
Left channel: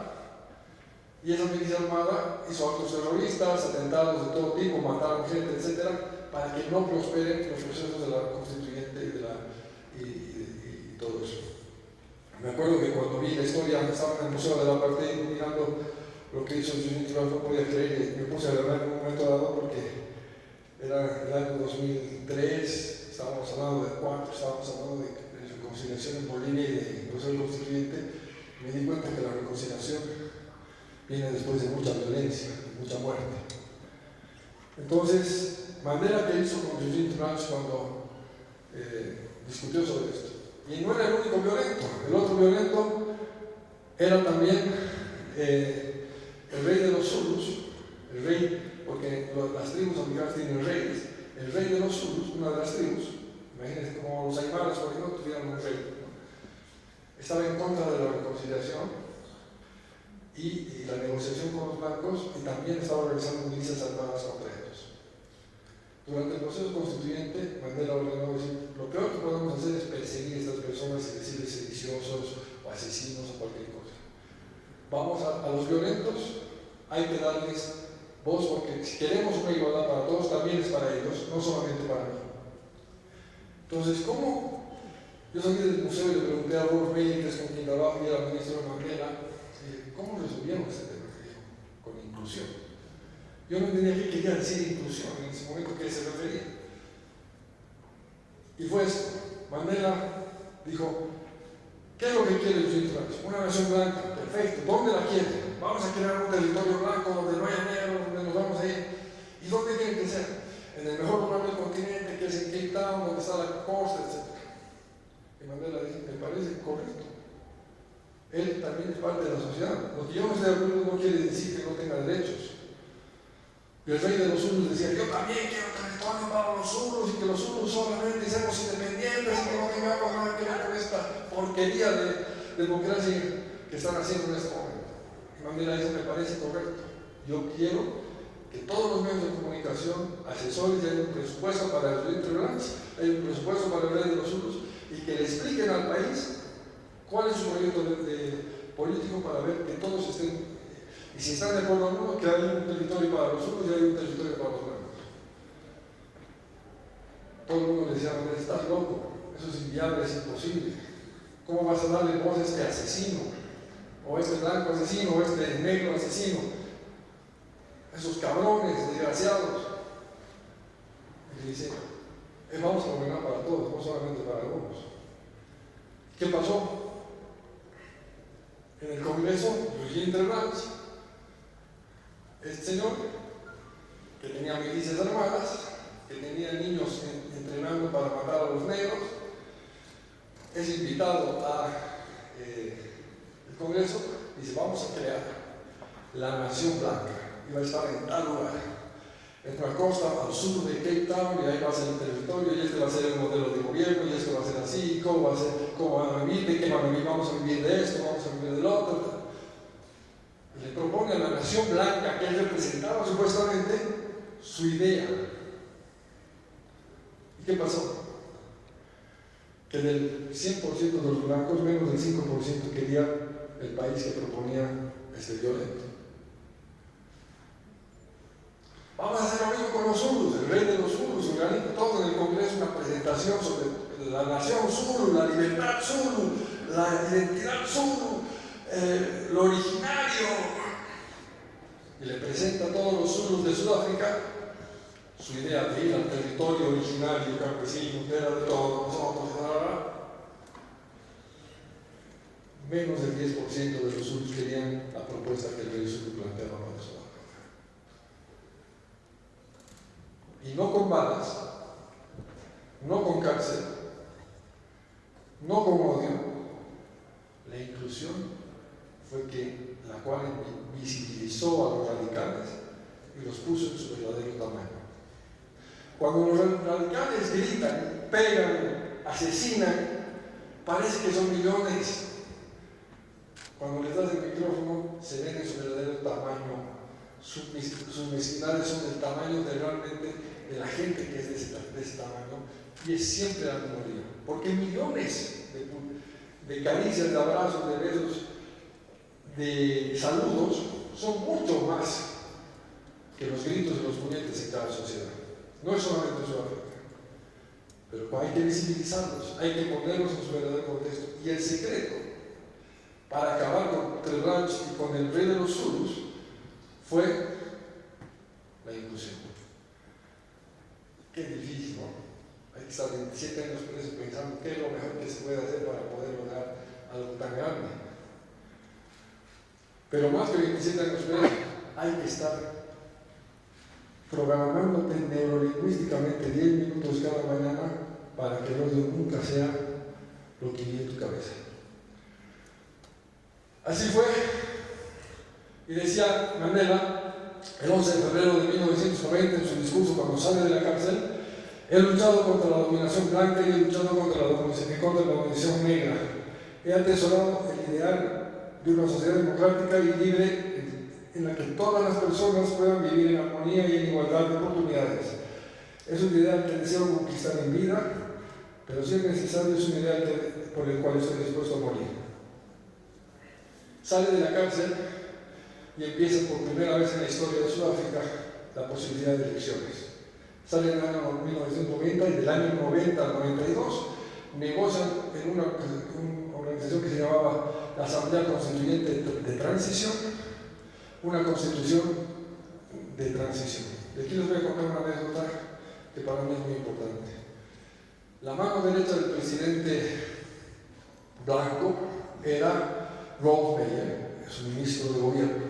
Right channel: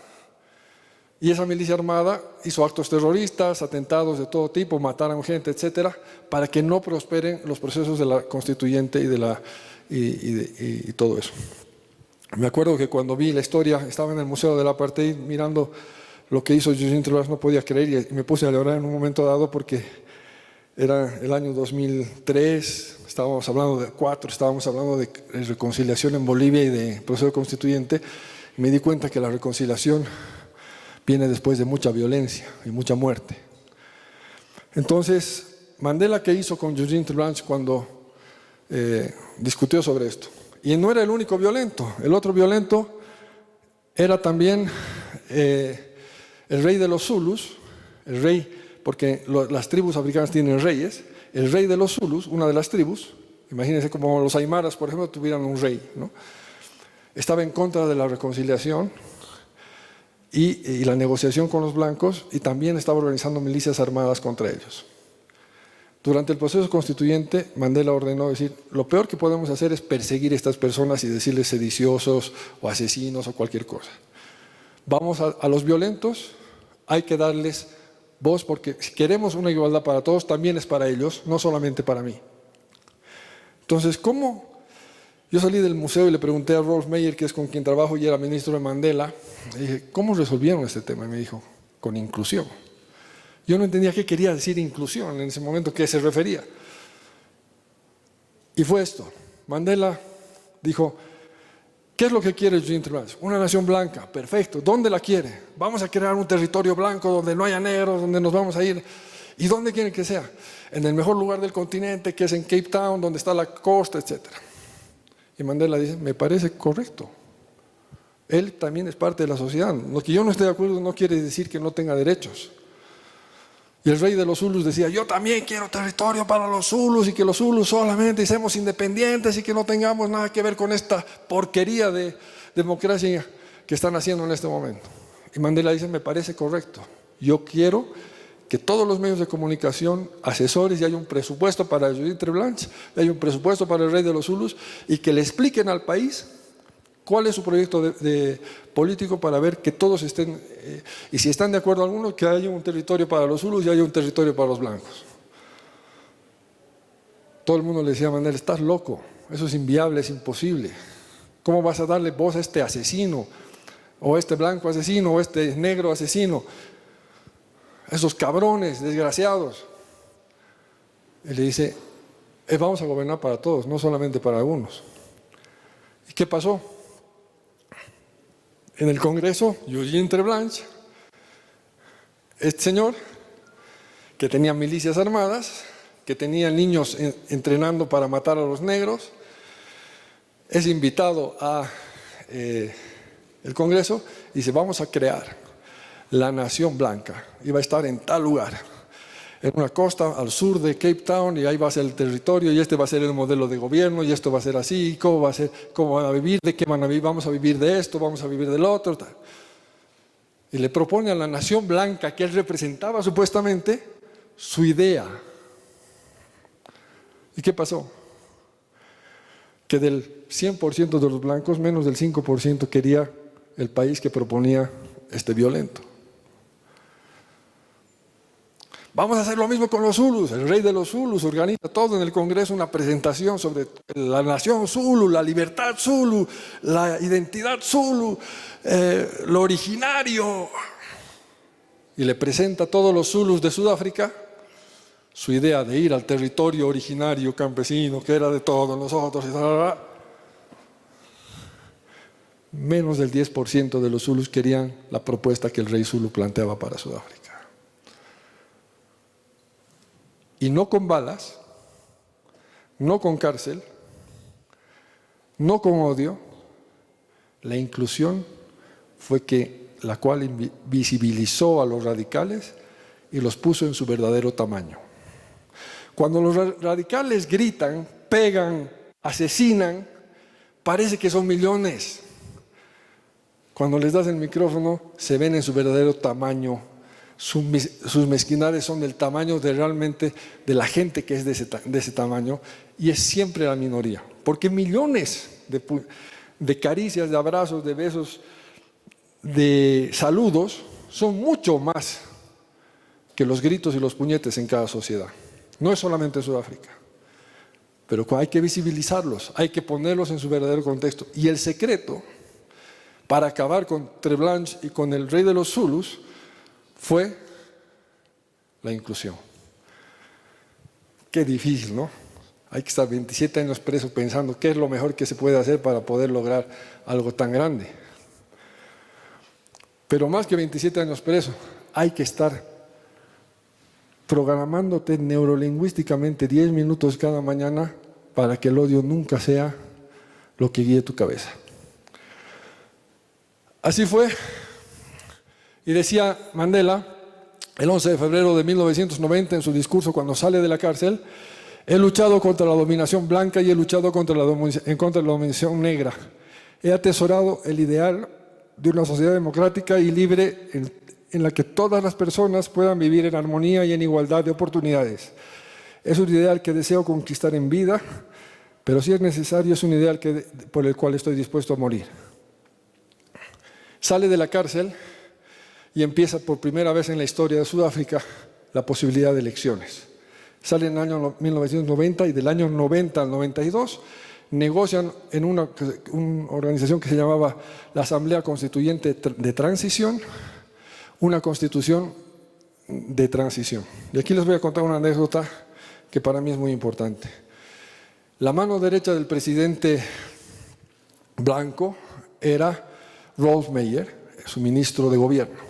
y esa milicia armada hizo actos terroristas, atentados de todo tipo, mataron gente, etcétera, para que no prosperen los procesos de la constituyente y todo eso. Me acuerdo que cuando vi la historia, estaba en el Museo del Apartheid mirando lo que hizo Eugene Treblanche, no podía creer, y me puse a llorar en un momento dado porque era el año 2003, estábamos hablando de reconciliación en Bolivia y de proceso constituyente. Me di cuenta que la reconciliación viene después de mucha violencia y mucha muerte. Entonces, Mandela, ¿qué hizo con Eugene Treblanche cuando discutió sobre esto? Y no era el único violento. El otro violento era también el rey de los Zulus, el rey, porque las tribus africanas tienen reyes. El rey de los Zulus, una de las tribus, imagínense como los aymaras, por ejemplo, tuvieran un rey, ¿no? Estaba en contra de la reconciliación y la negociación con los blancos, y también estaba organizando milicias armadas contra ellos. Durante el proceso constituyente, Mandela ordenó decir, lo peor que podemos hacer es perseguir a estas personas y decirles sediciosos o asesinos o cualquier cosa. Vamos a los violentos, hay que darles voz, porque si queremos una igualdad para todos, también es para ellos, no solamente para mí. Entonces, ¿cómo? Yo salí del museo y le pregunté a Rolf Meyer, que es con quien trabajo y era ministro de Mandela, le dije, ¿cómo resolvieron este tema? Y me dijo, con inclusión. Yo no entendía qué quería decir inclusión en ese momento, qué se refería. Y fue esto. Mandela dijo, ¿qué es lo que quiere Eugene Treblanche? Una nación blanca, perfecto. ¿Dónde la quiere? Vamos a crear un territorio blanco donde no haya negros, donde nos vamos a ir. ¿Y dónde quiere que sea? En el mejor lugar del continente, que es en Cape Town, donde está la costa, etc. Y Mandela dice, me parece correcto. Él también es parte de la sociedad. Lo que yo no esté de acuerdo no quiere decir que no tenga derechos. Y el rey de los Zulus decía, yo también quiero territorio para los Zulus y que los Zulus solamente seamos independientes y que no tengamos nada que ver con esta porquería de democracia que están haciendo en este momento. Y Mandela dice, me parece correcto. Yo quiero que todos los medios de comunicación, asesores, y hay un presupuesto para Eugene Treblanche, hay un presupuesto para el rey de los Zulus, y que le expliquen al país cuál es su proyecto político para ver que todos estén, y si están de acuerdo algunos, que haya un territorio para los Zulus y haya un territorio para los blancos. Todo el mundo le decía a Mandela, estás loco, eso es inviable, es imposible. ¿Cómo vas a darle voz a este asesino? O a este blanco asesino, o a este negro asesino. A esos cabrones, desgraciados. Y le dice, vamos a gobernar para todos, no solamente para algunos. ¿Y qué pasó? En el Congreso, Eugene Treblanche, este señor, que tenía milicias armadas, que tenía niños entrenando para matar a los negros, es invitado a el Congreso y dice, vamos a crear la nación blanca, y va a estar en tal lugar, en una costa al sur de Cape Town, y ahí va a ser el territorio, y este va a ser el modelo de gobierno, y esto va a ser así, cómo va a ser, cómo van a vivir, de qué van a vivir, vamos a vivir de esto, vamos a vivir del otro. Y le propone a la nación blanca que él representaba supuestamente su idea. ¿Y qué pasó? Que del 100% de los blancos, menos del 5% quería el país que proponía este violento. Vamos a hacer lo mismo con los Zulus. El rey de los Zulus organiza todo en el Congreso una presentación sobre la nación Zulu, la libertad Zulu, la identidad Zulu, lo originario. Y le presenta a todos los Zulus de Sudáfrica su idea de ir al territorio originario campesino, que era de todos los otros, y tal. Menos del 10% de los Zulus querían la propuesta que el rey Zulu planteaba para Sudáfrica. Y no con balas, no con cárcel, no con odio, la inclusión fue la cual visibilizó a los radicales y los puso en su verdadero tamaño. Cuando los radicales gritan, pegan, asesinan, parece que son millones. Cuando les das el micrófono, se ven en su verdadero tamaño. Sus mezquindades son del tamaño realmente de la gente que es de ese tamaño, y es siempre la minoría, porque millones de caricias, de abrazos, de besos, de saludos son mucho más que los gritos y los puñetes en cada sociedad. No es solamente en Sudáfrica, pero hay que visibilizarlos, hay que ponerlos en su verdadero contexto. Y el secreto para acabar con Treblanche y con el rey de los Zulus fue la inclusión. Qué difícil, ¿no? Hay que estar 27 años preso pensando qué es lo mejor que se puede hacer para poder lograr algo tan grande. Pero más que 27 años preso, hay que estar programándote neurolingüísticamente 10 minutos cada mañana para que el odio nunca sea lo que guíe tu cabeza. Así fue. Y decía Mandela, el 11 de febrero de 1990, en su discurso cuando sale de la cárcel, he luchado contra la dominación blanca y he luchado contra la dominación negra. He atesorado el ideal de una sociedad democrática y libre en la que todas las personas puedan vivir en armonía y en igualdad de oportunidades. Es un ideal que deseo conquistar en vida, pero si es necesario, es un ideal por el cual estoy dispuesto a morir. Sale de la cárcel y empieza por primera vez en la historia de Sudáfrica la posibilidad de elecciones. Sale en el año 1990 y del año 90 al 92 negocian en una organización que se llamaba la Asamblea Constituyente de Transición, una constitución de transición. Y aquí les voy a contar una anécdota que para mí es muy importante. La mano derecha del presidente Blanco era Rolf Meyer, su ministro de gobierno.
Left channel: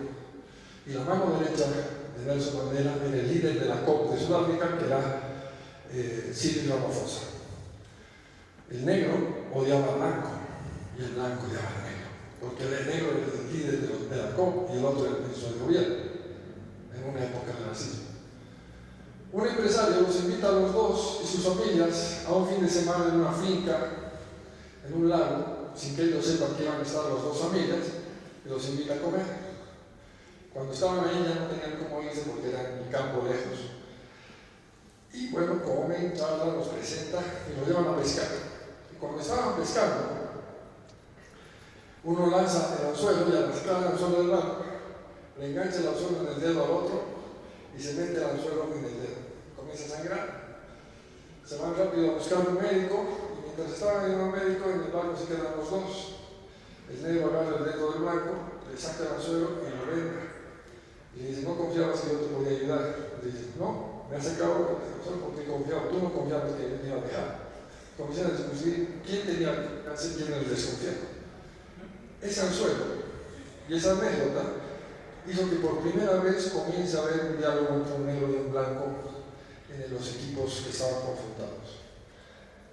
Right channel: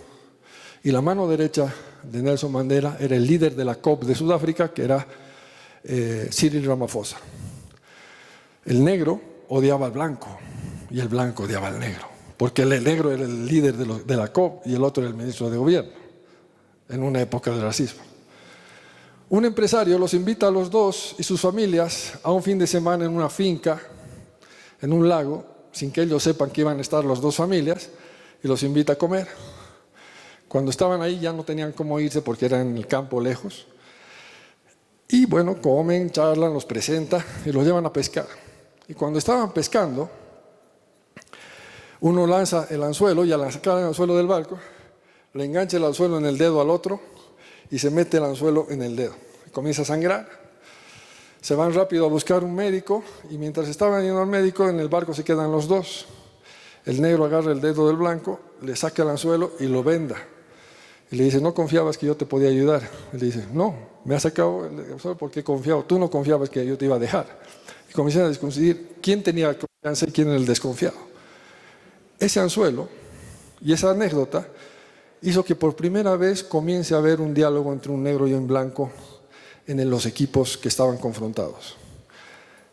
Y la mano derecha de Nelson Mandela era el líder de la COP de Sudáfrica, que era Cyril Ramaphosa. El negro odiaba al blanco y el blanco odiaba al negro, porque el negro era el líder de la COP y el otro era el ministro de gobierno, en una época de racismo. Un empresario los invita a los dos y sus familias a un fin de semana en una finca, en un lago, sin que ellos sepan que iban a estar las dos familias, y los invita a comer. Cuando estaban ahí ya no tenían cómo irse porque eran en el campo lejos. Y bueno, comen, charlan, los presenta y los llevan a pescar. Y cuando estaban pescando, uno lanza el anzuelo y al sacar el anzuelo del barco, le engancha el anzuelo en el dedo al otro y se mete el anzuelo en el dedo. Comienza a sangrar. Se van rápido a buscar un médico y mientras estaban yendo al médico, en el barco se quedan los dos. El negro agarra el dedo del blanco, le saca el anzuelo y lo venda. Y le dice, ¿no confiabas que yo te podía ayudar? Y le dice, no, me has sacado el anzuelo porque he confiado. Tú no confiabas que yo te iba a dejar. Y comienzan a discutir quién tenía confianza y quién era el desconfiado. Ese anzuelo y esa anécdota hizo que por primera vez comience a haber un diálogo entre un negro y un blanco en los equipos que estaban confrontados.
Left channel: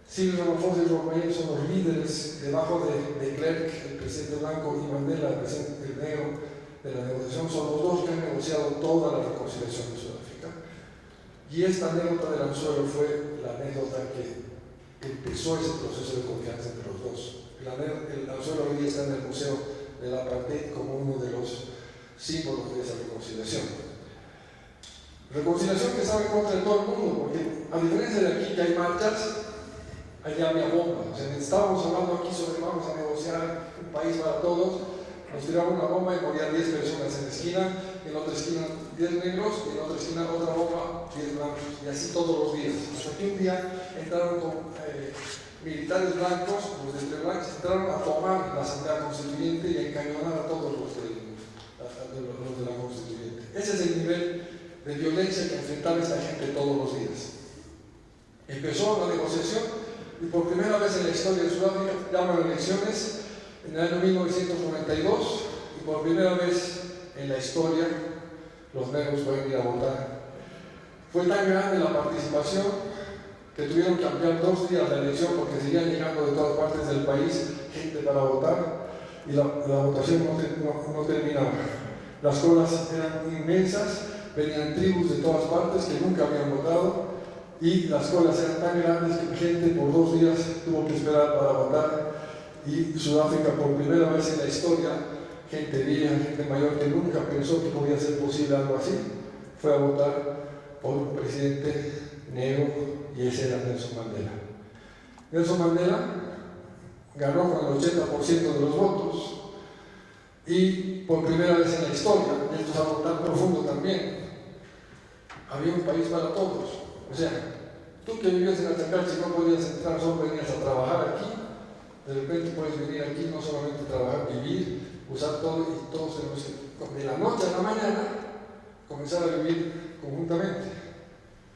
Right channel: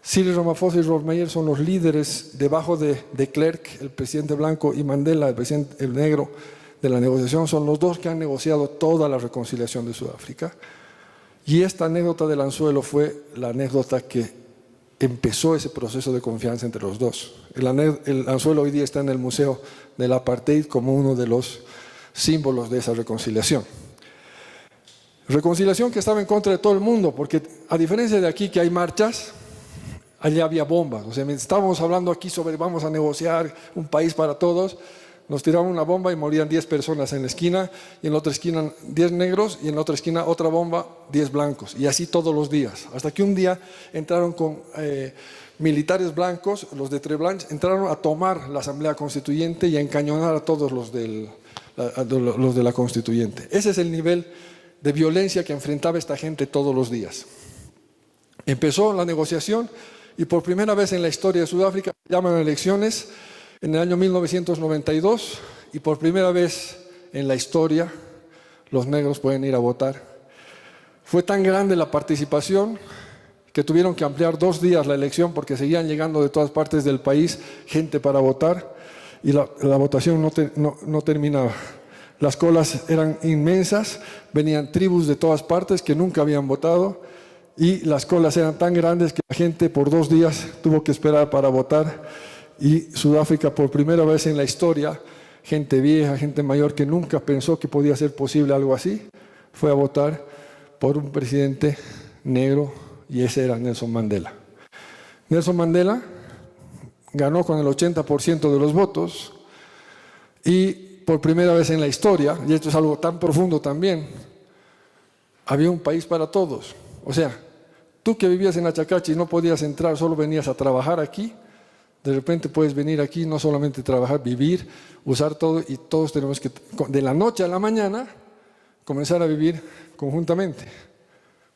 Cyril Ramaphosa y Rolf Meyer son los líderes debajo de Klerk, el presidente blanco, y Mandela, el negro de la negociación. Son los dos que han negociado toda la reconciliación de Sudáfrica. Y esta anécdota del anzuelo fue la anécdota que empezó ese proceso de confianza entre los dos. El anzuelo hoy día está en el Museo del Apartheid como uno de los símbolos de esa reconciliación. Reconciliación que estaba en contra de todo el mundo, porque a diferencia de aquí que hay marchas, allá había bombas. O sea, estábamos hablando aquí sobre vamos a negociar un país para todos, nos tiraron una bomba y morían 10 personas en la esquina, y en la otra esquina 10 negros, y en la otra esquina otra bomba, 10 blancos, y así todos los días. Hasta que un día entraron con militares blancos, los de Treblanche, entraron a tomar la Asamblea Constituyente y a encañonar a todos los de la Constituyente. Ese es el nivel de violencia que enfrentaba esta gente todos los días. Empezó la negociación y por primera vez en la historia de Sudáfrica llaman a elecciones en el año 1992 y por primera vez en la historia los negros pueden ir a votar. Fue tan grande la participación que tuvieron que ampliar 2 días la elección porque seguían llegando de todas partes del país gente para votar y la votación no terminaba. Las colas eran inmensas, venían tribus de todas partes que nunca habían votado y las colas eran tan grandes que la gente por 2 días tuvo que esperar para votar. Y Sudáfrica, por primera vez en la historia, gente vieja, gente mayor que nunca pensó que podía ser posible algo así, fue a votar por un presidente negro y ese era Nelson Mandela. Nelson Mandela ganó con el 80% de los votos y por primera vez en la historia, y esto es algo tan profundo también, había un país para todos. O sea, tú que vivías en Achacachi y no podías entrar, solo venías a trabajar aquí, de repente puedes venir aquí, no solamente trabajar, vivir, usar todo, y todos tenemos que, de la noche a la mañana, comenzar a vivir conjuntamente.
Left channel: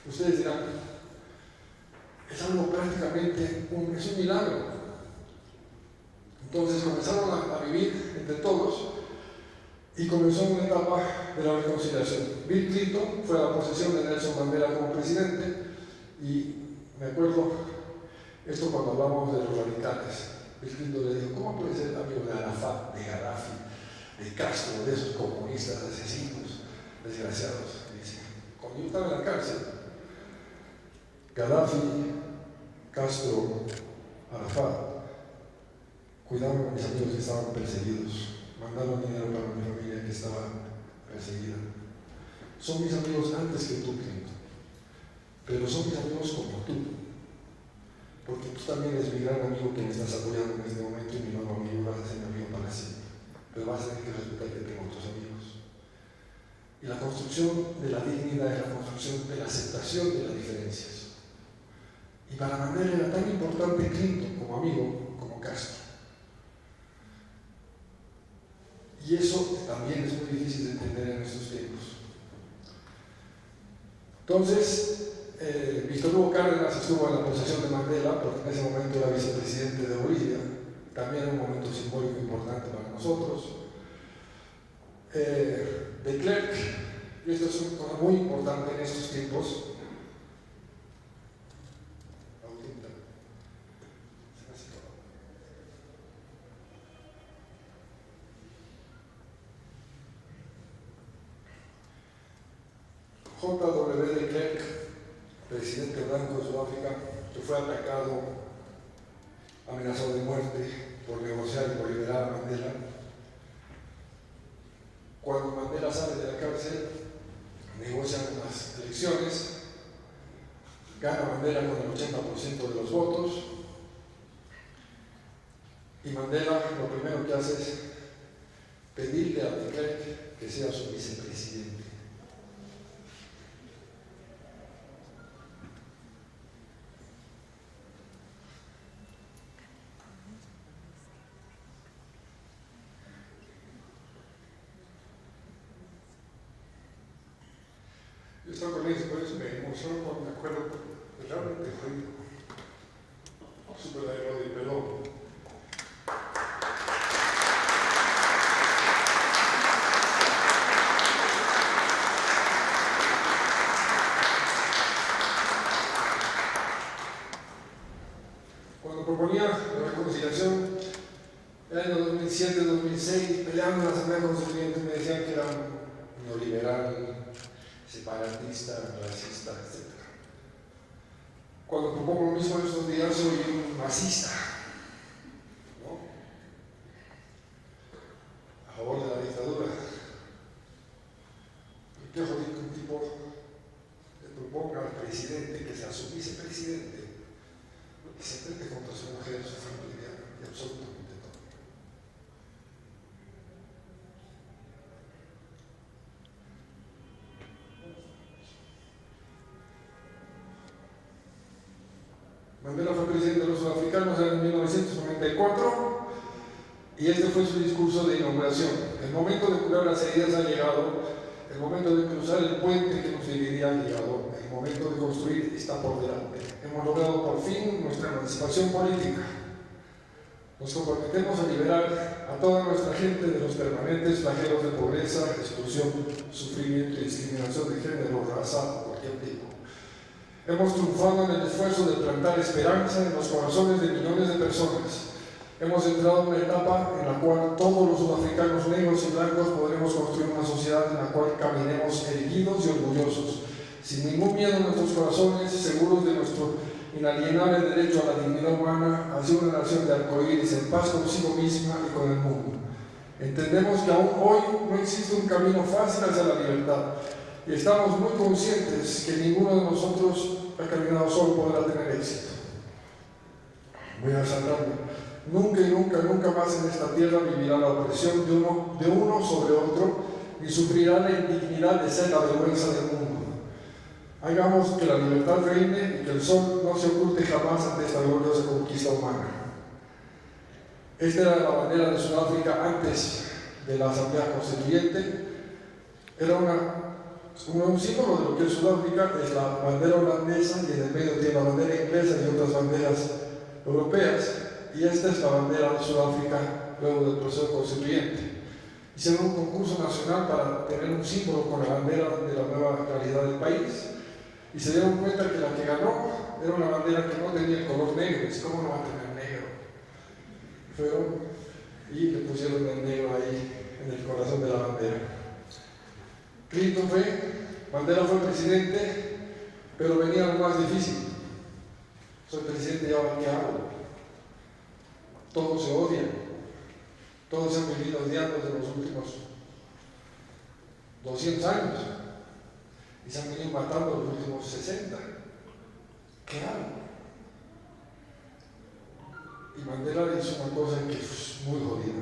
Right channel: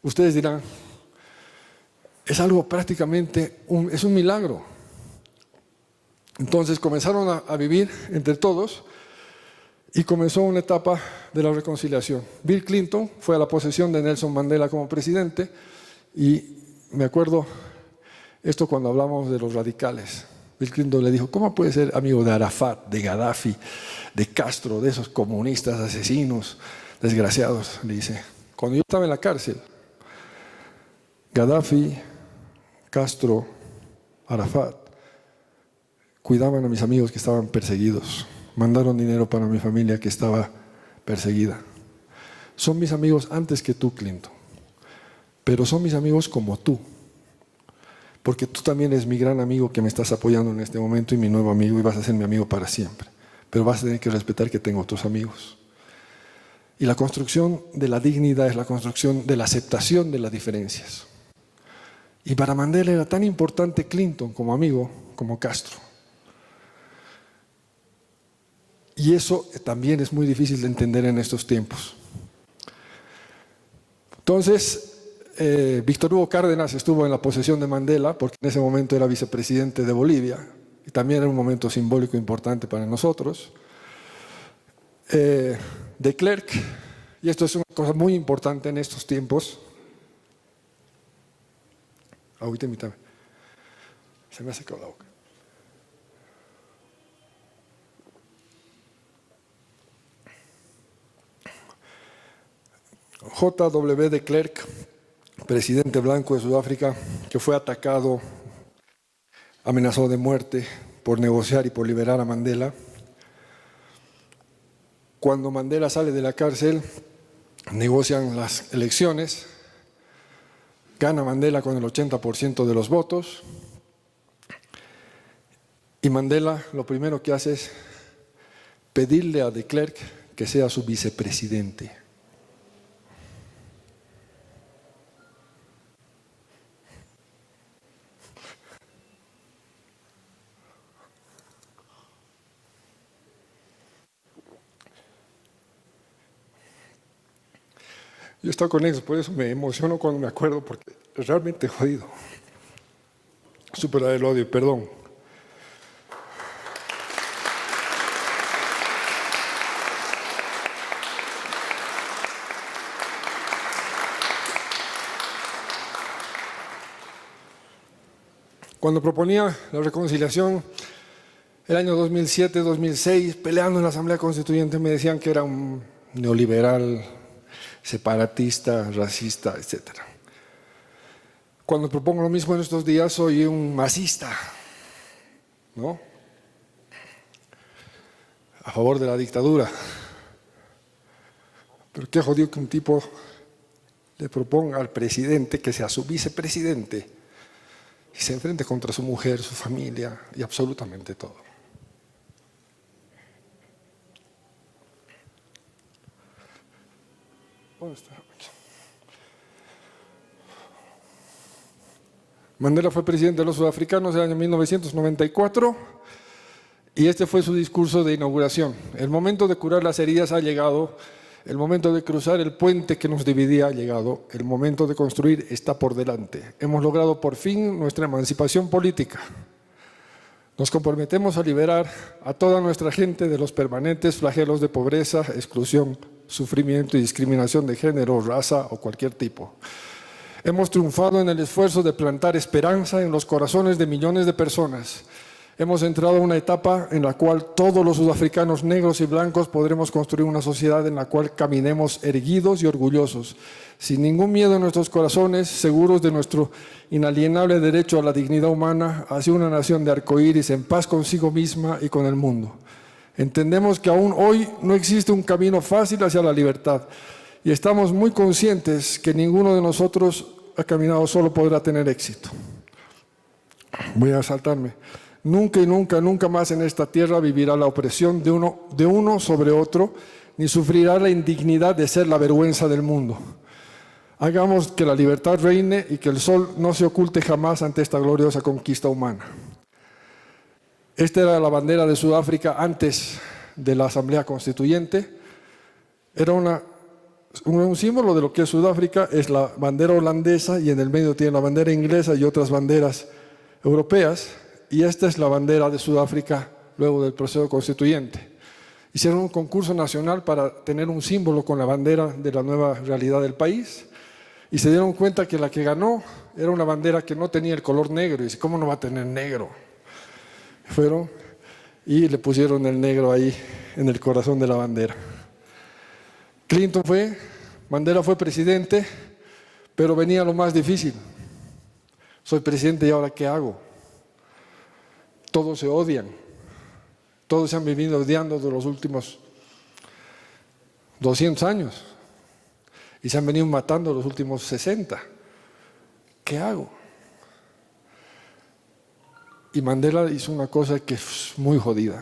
Ustedes dirán, es algo prácticamente, es un milagro. Entonces comenzaron a vivir entre todos y comenzó una etapa de la reconciliación. Bill Clinton fue a la posesión de Nelson Mandela como presidente y me acuerdo esto cuando hablamos de los radicales. Bill Clinton le dijo, ¿cómo puede ser amigo de Arafat, de Gaddafi, de Castro, de esos comunistas, asesinos, desgraciados? Le dice, cuando yo estaba en la cárcel, Gaddafi, Castro, Arafat, cuidaban a mis amigos que estaban perseguidos, mandaron dinero para mi familia que estaba perseguida. Son mis amigos antes que tú, Clinton. pero son mis amigos como tú, porque tú también eres mi gran amigo que me estás apoyando en este momento y mi nuevo amigo, y vas a ser mi amigo para siempre, pero vas a tener que respetar que tengo otros amigos. Y la construcción de la dignidad es la construcción de la aceptación de las diferencias. Y para Mandela era tan importante Clinton como amigo como Castro. Y eso también es muy difícil de entender en estos tiempos. Entonces, Víctor Hugo Cárdenas estuvo en la posesión de Mandela, porque en ese momento era vicepresidente de Bolivia, y también era un momento simbólico importante para nosotros. De Klerk, y esto es una cosa muy importante en estos tiempos. Ahorita se me ha secado la boca. J.W. de Klerk, presidente blanco de Sudáfrica, que fue atacado, amenazado de muerte por negociar y por liberar a Mandela. Cuando Mandela sale de la cárcel, negocian las elecciones, gana Mandela con el 80% de los votos, y Mandela lo primero que hace es pedirle a de Klerk que sea su vicepresidente. Yo he estado con ellos, por eso me emociono cuando me acuerdo, porque es realmente jodido. Superar el odio, perdón. Cuando proponía la reconciliación, el año 2007-2006, peleando en la Asamblea Constituyente, me decían que era un neoliberal, separatista, racista, etc. Cuando propongo lo mismo en estos días, soy un masista, ¿no? A favor de la dictadura. Pero qué jodido que un tipo le proponga al presidente que sea su vicepresidente y se enfrente contra su mujer, su familia y absolutamente todo. Mandela fue presidente de los sudafricanos en 1994 y este fue su discurso de inauguración. El momento de curar las heridas ha llegado, el momento de cruzar el puente que nos dividía ha llegado, el momento de construir está por delante. Hemos logrado por fin nuestra emancipación política. Nos comprometemos a liberar a toda nuestra gente de los permanentes flagelos de pobreza, exclusión, sufrimiento y discriminación de género, raza o cualquier tipo. Hemos triunfado en el esfuerzo de plantar esperanza en los corazones de millones de personas. Hemos entrado en una etapa en la cual todos los sudafricanos negros y blancos podremos construir una sociedad en la cual caminemos erguidos y orgullosos, sin ningún miedo en nuestros corazones, seguros de nuestro inalienable derecho a la dignidad humana, hacia una nación de arcoíris en paz consigo misma y con el mundo. Entendemos que aún hoy no existe un camino fácil hacia la libertad y estamos muy conscientes que ninguno de nosotros ha caminado solo podrá tener éxito. Voy a saltarme. Nunca y nunca más en esta tierra vivirá la opresión de uno sobre otro, ni sufrirá la indignidad de ser la vergüenza del mundo. Hagamos que la libertad reine y que el sol no se oculte jamás ante esta gloriosa conquista humana. Esta era la bandera de Sudáfrica antes de la Asamblea Constituyente. Era un símbolo de lo que es Sudáfrica, es la bandera holandesa y en el medio tiene la bandera inglesa y otras banderas europeas. Y esta es la bandera de Sudáfrica luego del proceso constituyente. Hicieron un concurso nacional para tener un símbolo con la bandera de la nueva realidad del país y se dieron cuenta que la que ganó era una bandera que no tenía el color negro. Y ¿cómo no va a tener negro? Fueron y le pusieron el negro ahí en el corazón de la bandera. Mandela fue presidente, pero venía lo más difícil. Soy presidente y ahora ¿qué hago? Todos se odian, todos se han vivido odiando desde los últimos 200 años y se han venido matando los últimos 60. ¿qué hago? Y Mandela hizo una cosa que es muy jodida.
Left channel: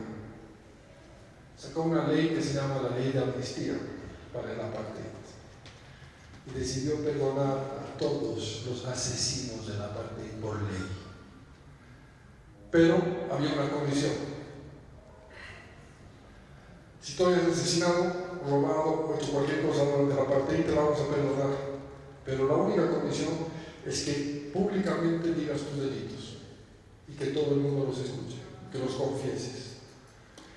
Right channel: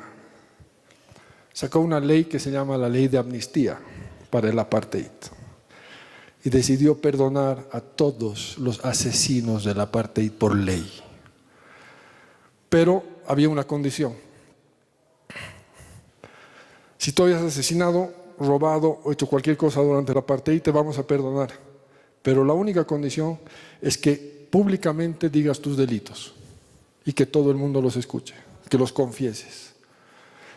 Sacó una ley que se llama la ley de amnistía para el apartheid. Y decidió perdonar a todos los asesinos del apartheid por ley. Pero había una condición. Si tú hayas asesinado, robado o hecho cualquier cosa durante el apartheid, te vamos a perdonar. Pero la única condición es que públicamente digas tus delitos y que todo el mundo los escuche, que los confieses.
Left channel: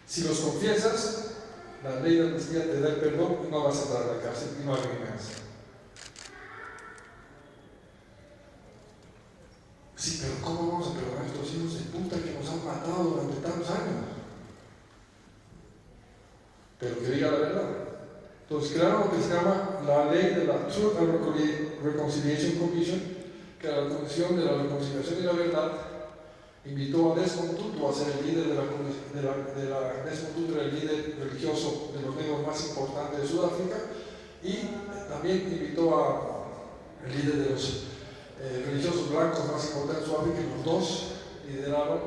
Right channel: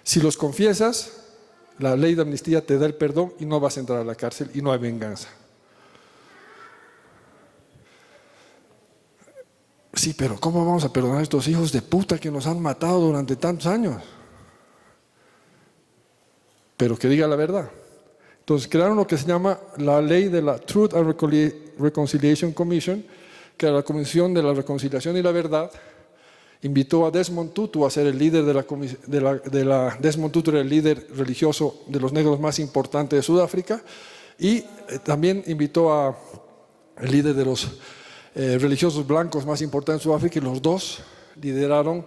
Si los confiesas, la ley de amnistía te da el perdón y no vas a entrar a la cárcel y no hay venganza. Sí, pero ¿cómo vamos a perdonar a estos hijos de puta que nos han matado durante tantos años? Pero que diga la verdad. Entonces crearon lo que se llama la ley de la Truth and Reconciliation Commission, que era la Comisión de la Reconciliación y la Verdad. Invitó a Desmond Tutu a ser el líder Desmond Tutu era el líder religioso de los negros más importantes de Sudáfrica, y también invitó al líder de los religiosos blancos más importantes de Sudáfrica, y los dos lideraron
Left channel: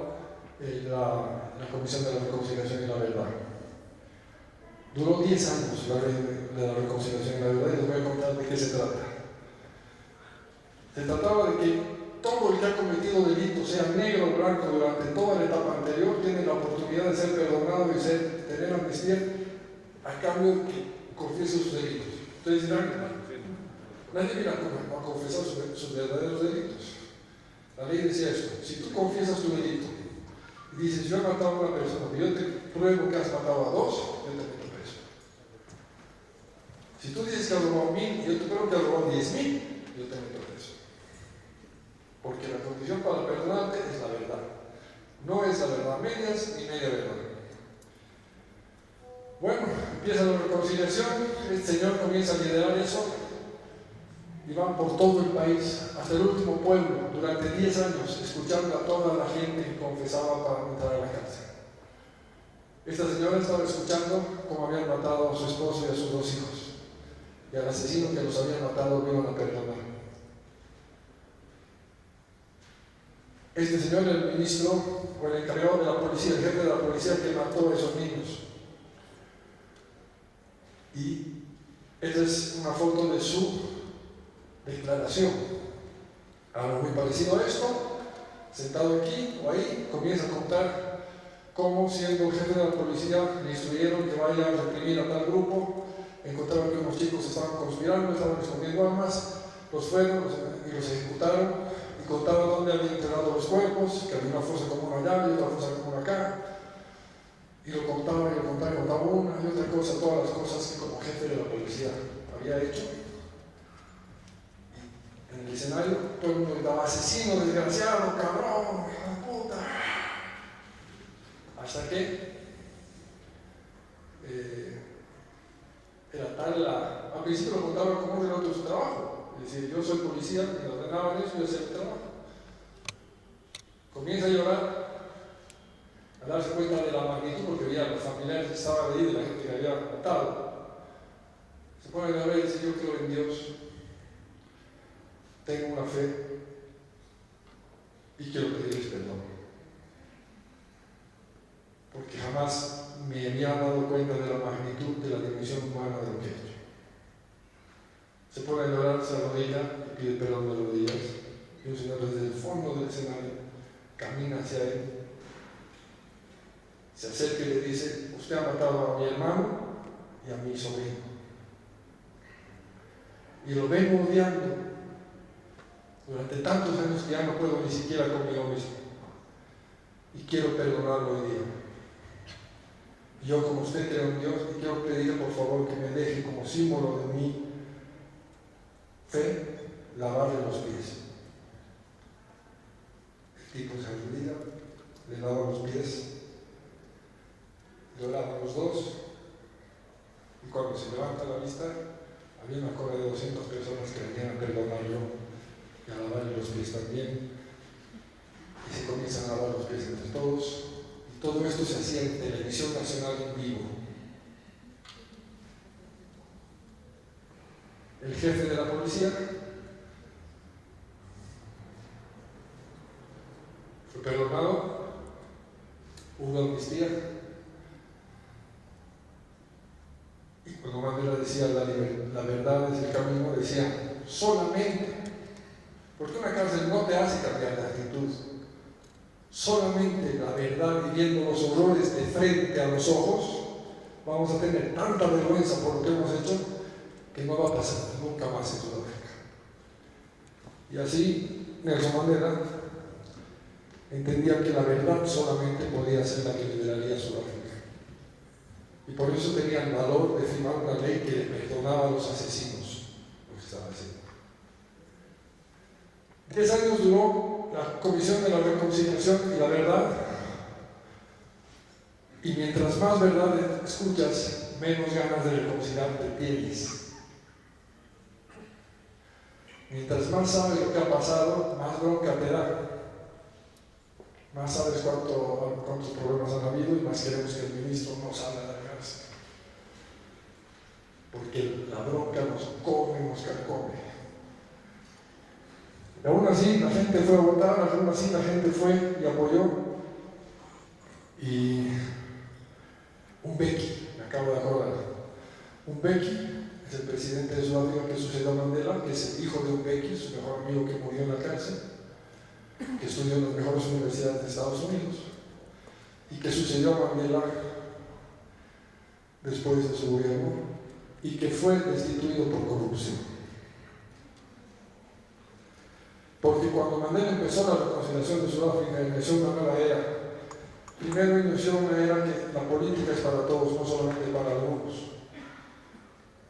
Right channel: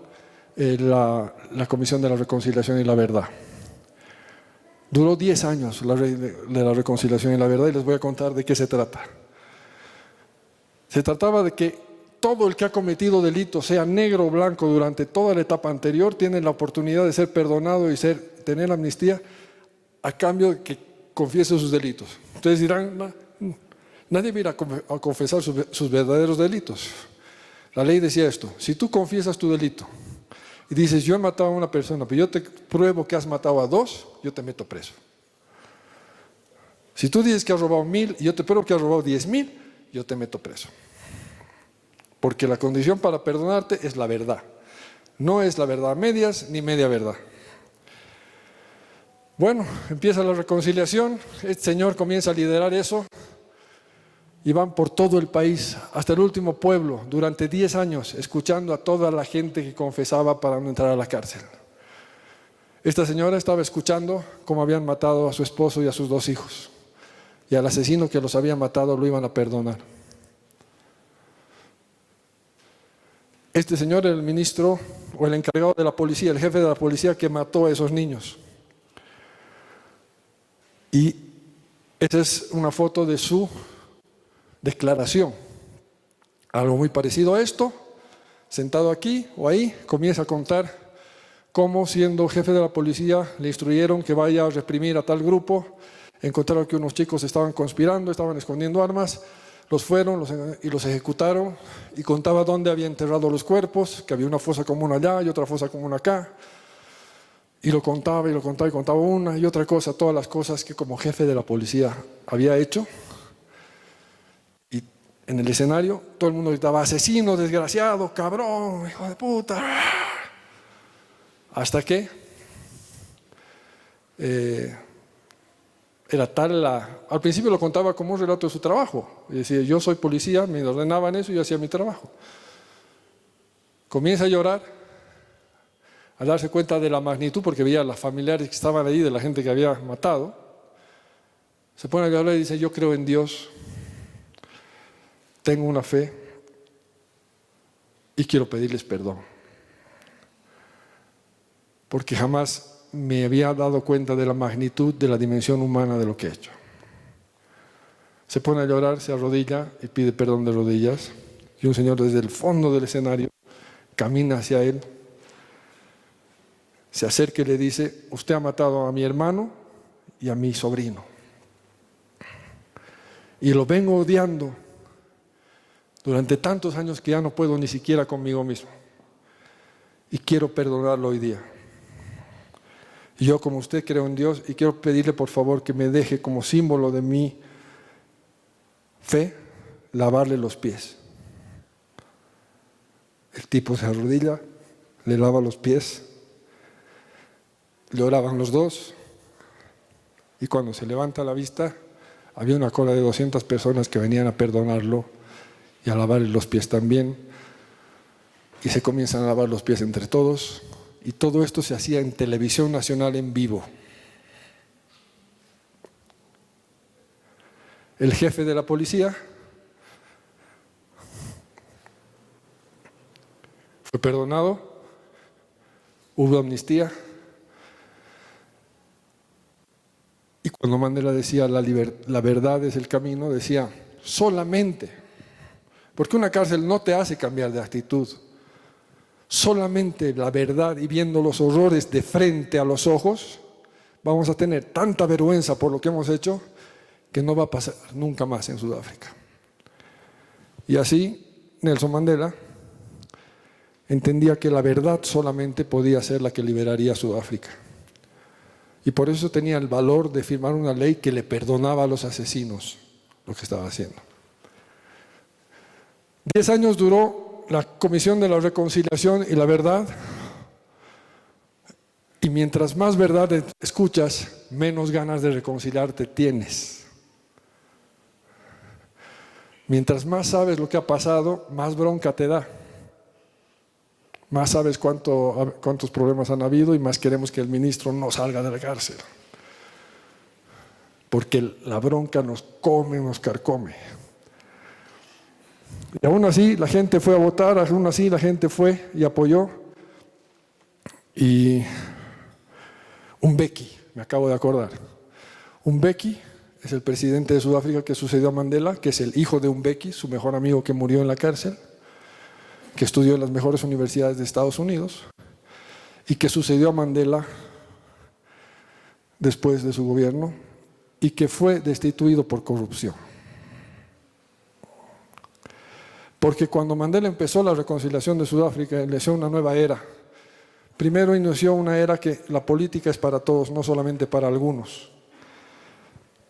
la Comisión de la Reconciliación y la Verdad. Duró 10 años la ley de la reconciliación y la verdad, y les voy a contar de qué se trata. Se trataba de que todo el que ha cometido delitos, sea negro o blanco, durante toda la etapa anterior, tiene la oportunidad de ser perdonado y tener amnistía a cambio de que confiese sus delitos. Ustedes dirán, nadie va a ir a confesar sus verdaderos delitos. La ley decía esto: si tú confiesas tu delito y dices, yo he matado a una persona, pero yo te pruebo que has matado a 2, yo te meto preso. Si tú dices que has robado 1000 y yo te pruebo que has robado 10,000, yo te meto preso. Porque la condición para perdonarte es la verdad. No es la verdad a medias ni media verdad. Bueno, empieza la reconciliación. Este señor comienza a liderar eso. Y van por todo el país, hasta el último pueblo, durante 10 años, escuchando a toda la gente que confesaba para no entrar a la cárcel. Esta señora estaba escuchando cómo habían matado a su esposo y a sus 2 hijos. Y al asesino que los había matado lo iban a perdonar. Este señor era el ministro o el encargado de la policía, el jefe de la policía que mató a esos niños. Y esta es una foto de su declaración. Algo muy parecido a esto, sentado aquí o ahí, comienza a contar cómo, siendo jefe de la policía, le instruyeron que vaya a reprimir a tal grupo. Encontraron que unos chicos estaban conspirando, estaban escondiendo armas, los fueron y los ejecutaron, y contaba dónde había enterrado los cuerpos, que había una fosa común allá y otra fosa común acá, y lo contaba y lo contaba y contaba una y otra cosa, todas las cosas que como jefe de la policía había hecho. En el escenario, todo el mundo gritaba, asesino, desgraciado, cabrón, hijo de puta. Hasta que era tal al principio lo contaba como un relato de su trabajo. Y decía, yo soy policía, me ordenaban eso y yo hacía mi trabajo. Comienza a llorar, a darse cuenta de la magnitud, porque veía a los familiares que estaban ahí, de la gente que había matado. Se pone a llorar y dice, yo creo en Dios. Tengo una fe y quiero pedirles perdón. Porque jamás me había dado cuenta de la magnitud de la dimensión humana de lo que he hecho. Se pone a llorar, se arrodilla y pide perdón de rodillas. Y un señor desde el fondo del escenario camina hacia él, se acerca y le dice, usted ha matado a mi hermano y a mi sobrino. Y lo vengo odiando durante tantos años que ya no puedo ni siquiera conmigo mismo. Y quiero perdonarlo hoy día. Y yo, como usted, creo en Dios y quiero pedirle por favor que me deje como símbolo de mi fe lavarle los pies. El tipo se arrodilla, le lava los pies, lloraban los dos, y cuando se levanta la vista había una cola de 200 personas que venían a perdonarlo y a lavarle los pies también, y se comienzan a lavar los pies entre todos, y todo esto se hacía en televisión nacional en vivo. El jefe de la policía Fue perdonado, hubo amnistía. Y cuando Mandela decía la verdad es el camino, decía solamente, porque una cárcel no te hace cambiar de actitud, solamente la verdad y viendo los horrores de frente a los ojos, vamos a tener tanta vergüenza por lo que hemos hecho que no va a pasar nunca más en Sudáfrica. Y así Nelson Mandela entendía que la verdad solamente podía ser la que liberaría a Sudáfrica. Y por eso tenía el valor de firmar una ley que le perdonaba a los asesinos lo que estaba haciendo. 10 años duró la Comisión de la Reconciliación y la Verdad, y mientras más verdad escuchas, menos ganas de reconciliarte tienes. Mientras más sabes lo que ha pasado, más bronca te da. Más sabes cuántos problemas han habido y más queremos que el ministro no salga de la cárcel. Porque la bronca nos come, nos carcome. Y aún así la gente fue a votar, aún así la gente fue y apoyó. Y Mbeki, me acabo de acordar. Mbeki es el presidente de Sudáfrica que sucedió a Mandela, que es el hijo de Mbeki, su mejor amigo que murió en la cárcel, que estudió en las mejores universidades de Estados Unidos y que sucedió a Mandela después de su gobierno y que fue destituido por corrupción. Porque cuando Mandela empezó la reconciliación de Sudáfrica, inició una nueva era. Primero inició una era que la política es para todos, no solamente para algunos.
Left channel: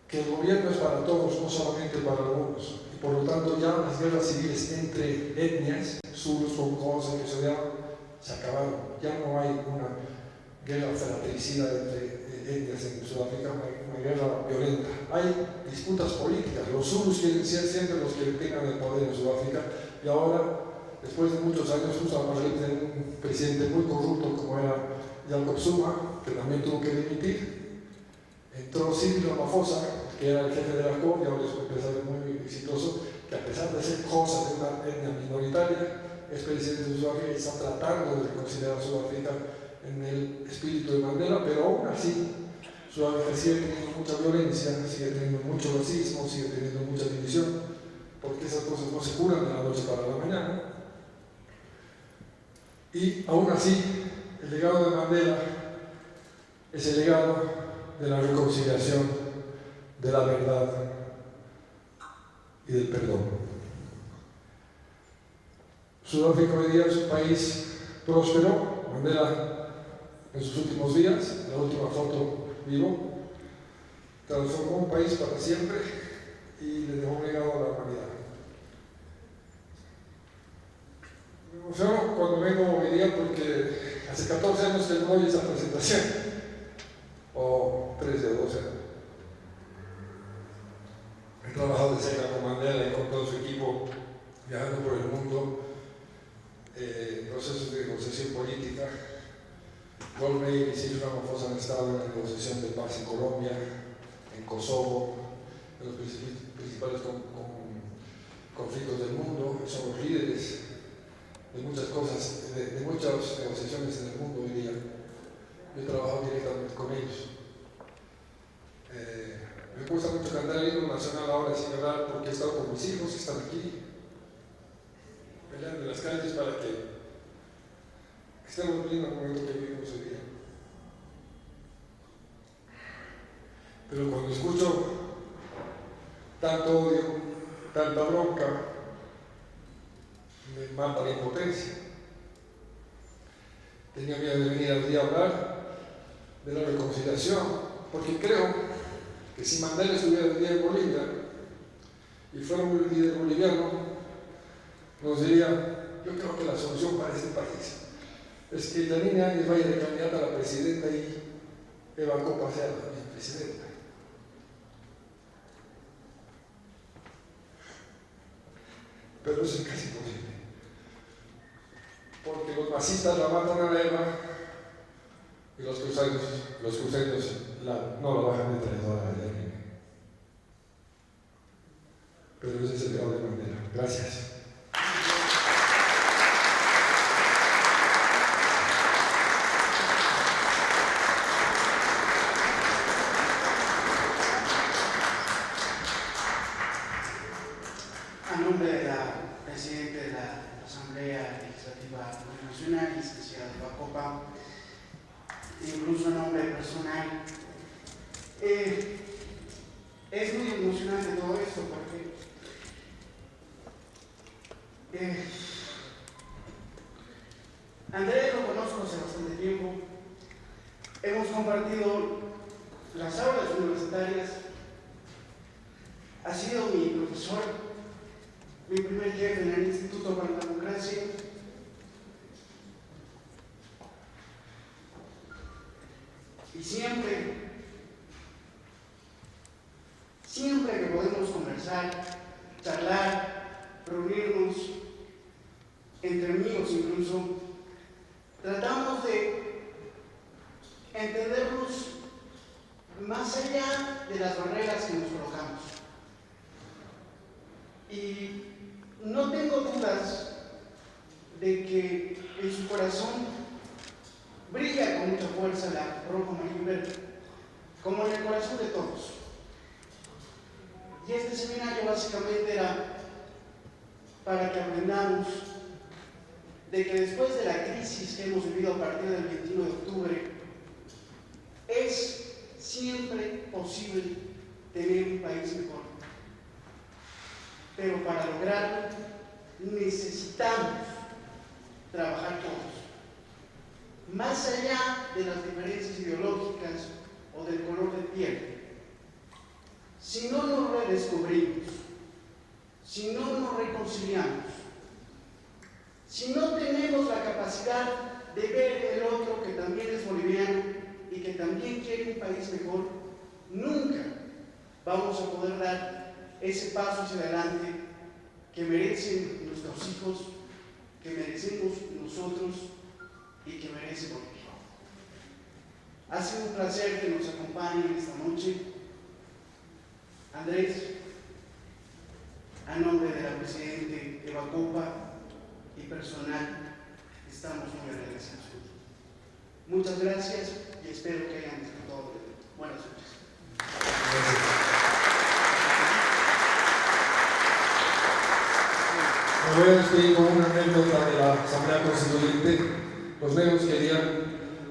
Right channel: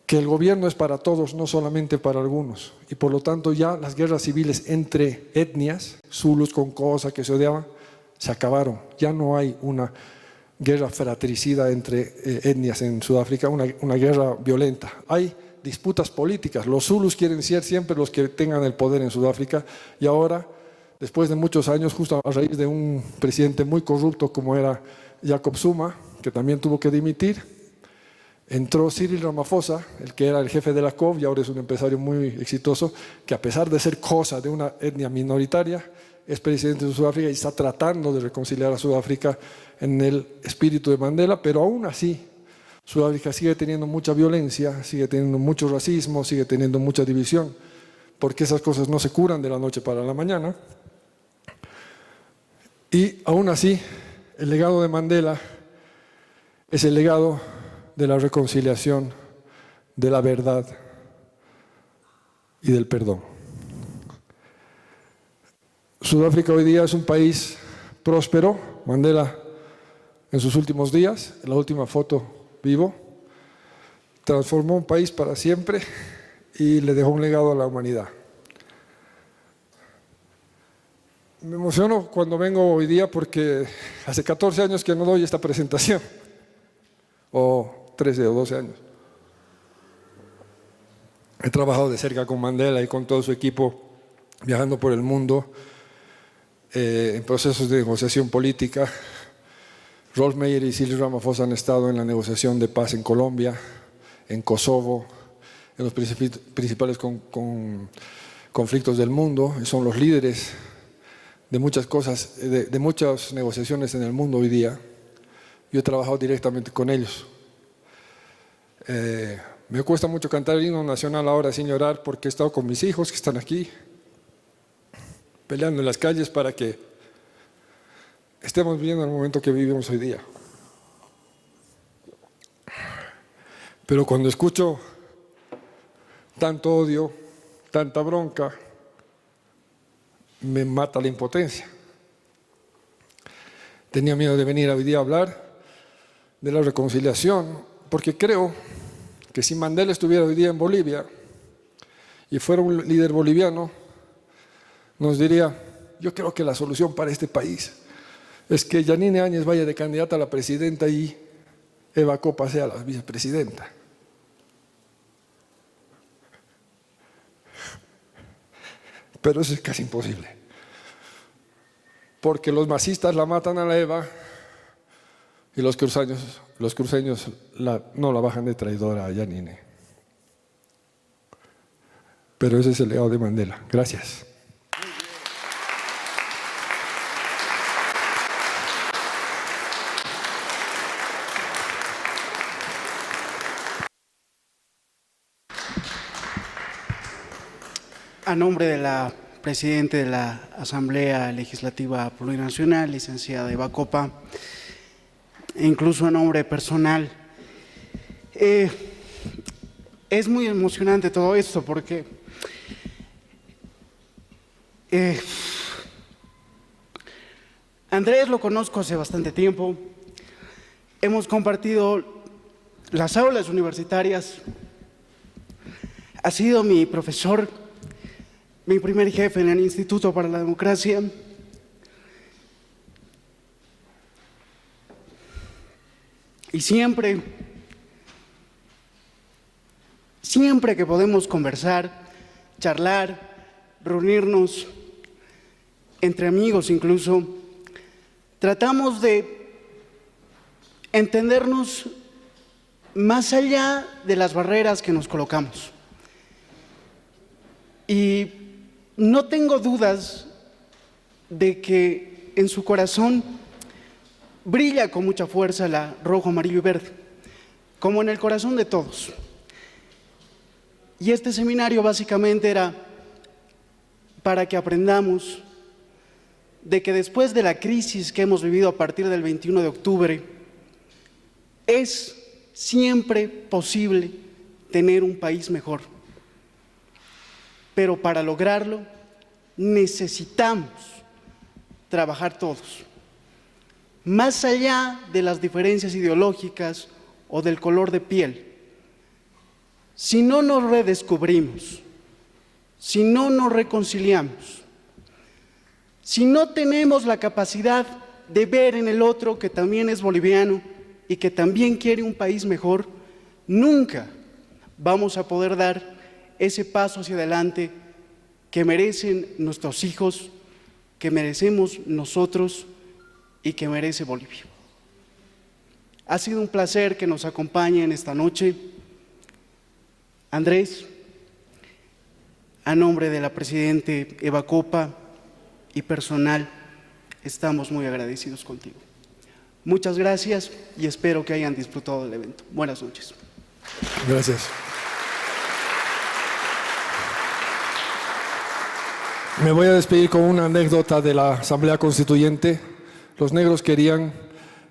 Que el gobierno es para todos, no solamente para algunos. Y por lo tanto ya las guerras civiles entre etnias, zulus con Xhosa que se odiaban, se acabaron. Ya no hay una guerra fratricida entre etnias en Sudáfrica, una guerra violenta. Hay disputas políticas. Los zulus quieren ser siempre los que tengan el poder en Sudáfrica y ahora, después de muchos años, justo a raíz de un presidente muy corrupto como era Jacob Zuma, que también tuvo que dimitir, entró Cyril Ramaphosa, el que era el jefe de la COP y ahora es un empresario muy exitoso, que a pesar de ser Xhosa de una etnia minoritaria, es presidente de Sudáfrica y está tratando de reconciliar a Sudáfrica en el espíritu de Mandela, pero aún así Sudáfrica sigue teniendo mucha violencia, sigue teniendo mucho racismo, sigue teniendo mucha división, porque esas cosas no se curan de la noche para la mañana. Y aún así, el legado de Mandela es el legado de la reconciliación, de la verdad y del perdón. Sudáfrica hoy día es un país próspero. Mandela, en sus últimos días, en la última foto vivo, transformó un país para siempre y le dejó un legado a la humanidad. Me emociono cuando vengo hoy día porque hace 14 años que no doy esta presentación, o 13 o 12 años. He trabajado de cerca con Mandela y con todo su equipo, viajando por el mundo, en procesos de negociación política. Rolf Meyer y Cyril Ramaphosa han estado en la negociación de paz en Colombia, en Kosovo, en los principales conflictos del mundo. Son los líderes de muchas cosas, de muchas negociaciones en el mundo hoy día. Yo he trabajado directamente con ellos. Me cuesta mucho cantar el himno nacional ahora sin llorar porque he estado con mis hijos que están aquí, peleando en las calles para que estemos viviendo el momento que vivimos hoy día. Pero cuando escucho tanto odio, tanta bronca, me mata la impotencia. Tenía miedo de venir hoy día a hablar de la reconciliación, porque creo que si Mandela estuviera hoy día en Bolivia y fuera un líder boliviano, nos diría: yo creo que la solución para este país es que Yanine Áñez vaya de candidata a la presidenta y Eva Copa sea la vicepresidenta. Pero eso es casi imposible, porque los masistas la matan a la Eva y los cruceños no la bajan de traidora a Yanine. Pero ese es el legado de Mandela. Gracias. A nombre de la Presidenta de la Asamblea Legislativa Plurinacional, licenciada Eva Copa, e incluso a nombre personal, es muy emocionante todo esto porque Andrés lo conozco hace bastante tiempo, hemos compartido las aulas universitarias, ha sido mi profesor, mi primer jefe en el Instituto para la Democracia. Y siempre que podemos conversar, charlar, reunirnos, entre amigos incluso, tratamos de entendernos más allá de las barreras que nos colocamos. Y no tengo dudas de que en su corazón brilla con mucha fuerza la rojo, amarillo y verde, como en el corazón de todos. Y este seminario básicamente era para que aprendamos de que después de la crisis que hemos vivido a partir del 21 de octubre, es siempre posible tener un país mejor. Pero para lograrlo necesitamos trabajar todos, más allá de las diferencias ideológicas o del color de piel. Si no nos redescubrimos, si no nos reconciliamos, si no tenemos la capacidad de ver en el otro que también es boliviano y que también quiere un país mejor, nunca vamos a poder dar ese paso hacia adelante que merecen nuestros hijos, que merecemos nosotros y que merece Bolivia. Ha sido un placer que nos acompañen esta noche. Andrés, a nombre de la Presidenta Eva Copa y personal, estamos muy agradecidos contigo. Muchas gracias y espero que hayan disfrutado del evento. Buenas noches. Gracias. Me voy a despedir con una anécdota de la Asamblea Constituyente. Los negros querían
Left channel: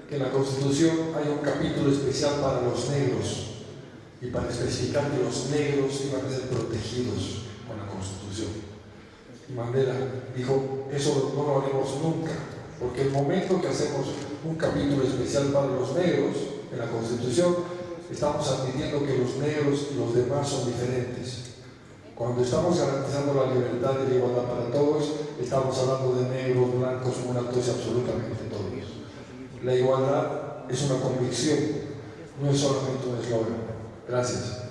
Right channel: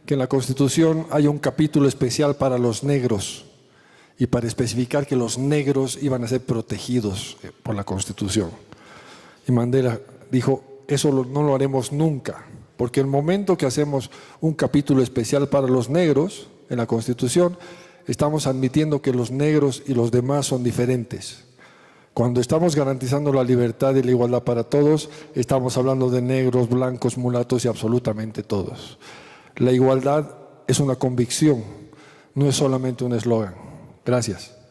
que en la Constitución haya un capítulo especial para los negros y para especificar que los negros iban a ser protegidos por la Constitución. Y Mandela dijo, eso no lo haremos nunca, porque el momento que hacemos un capítulo especial para los negros en la Constitución, estamos admitiendo que los negros y los demás son diferentes. Cuando estamos garantizando la libertad y la igualdad para todos, estamos hablando de negros, blancos, mulatos y absolutamente todos. La igualdad es una convicción, no es solamente un eslogan. Gracias.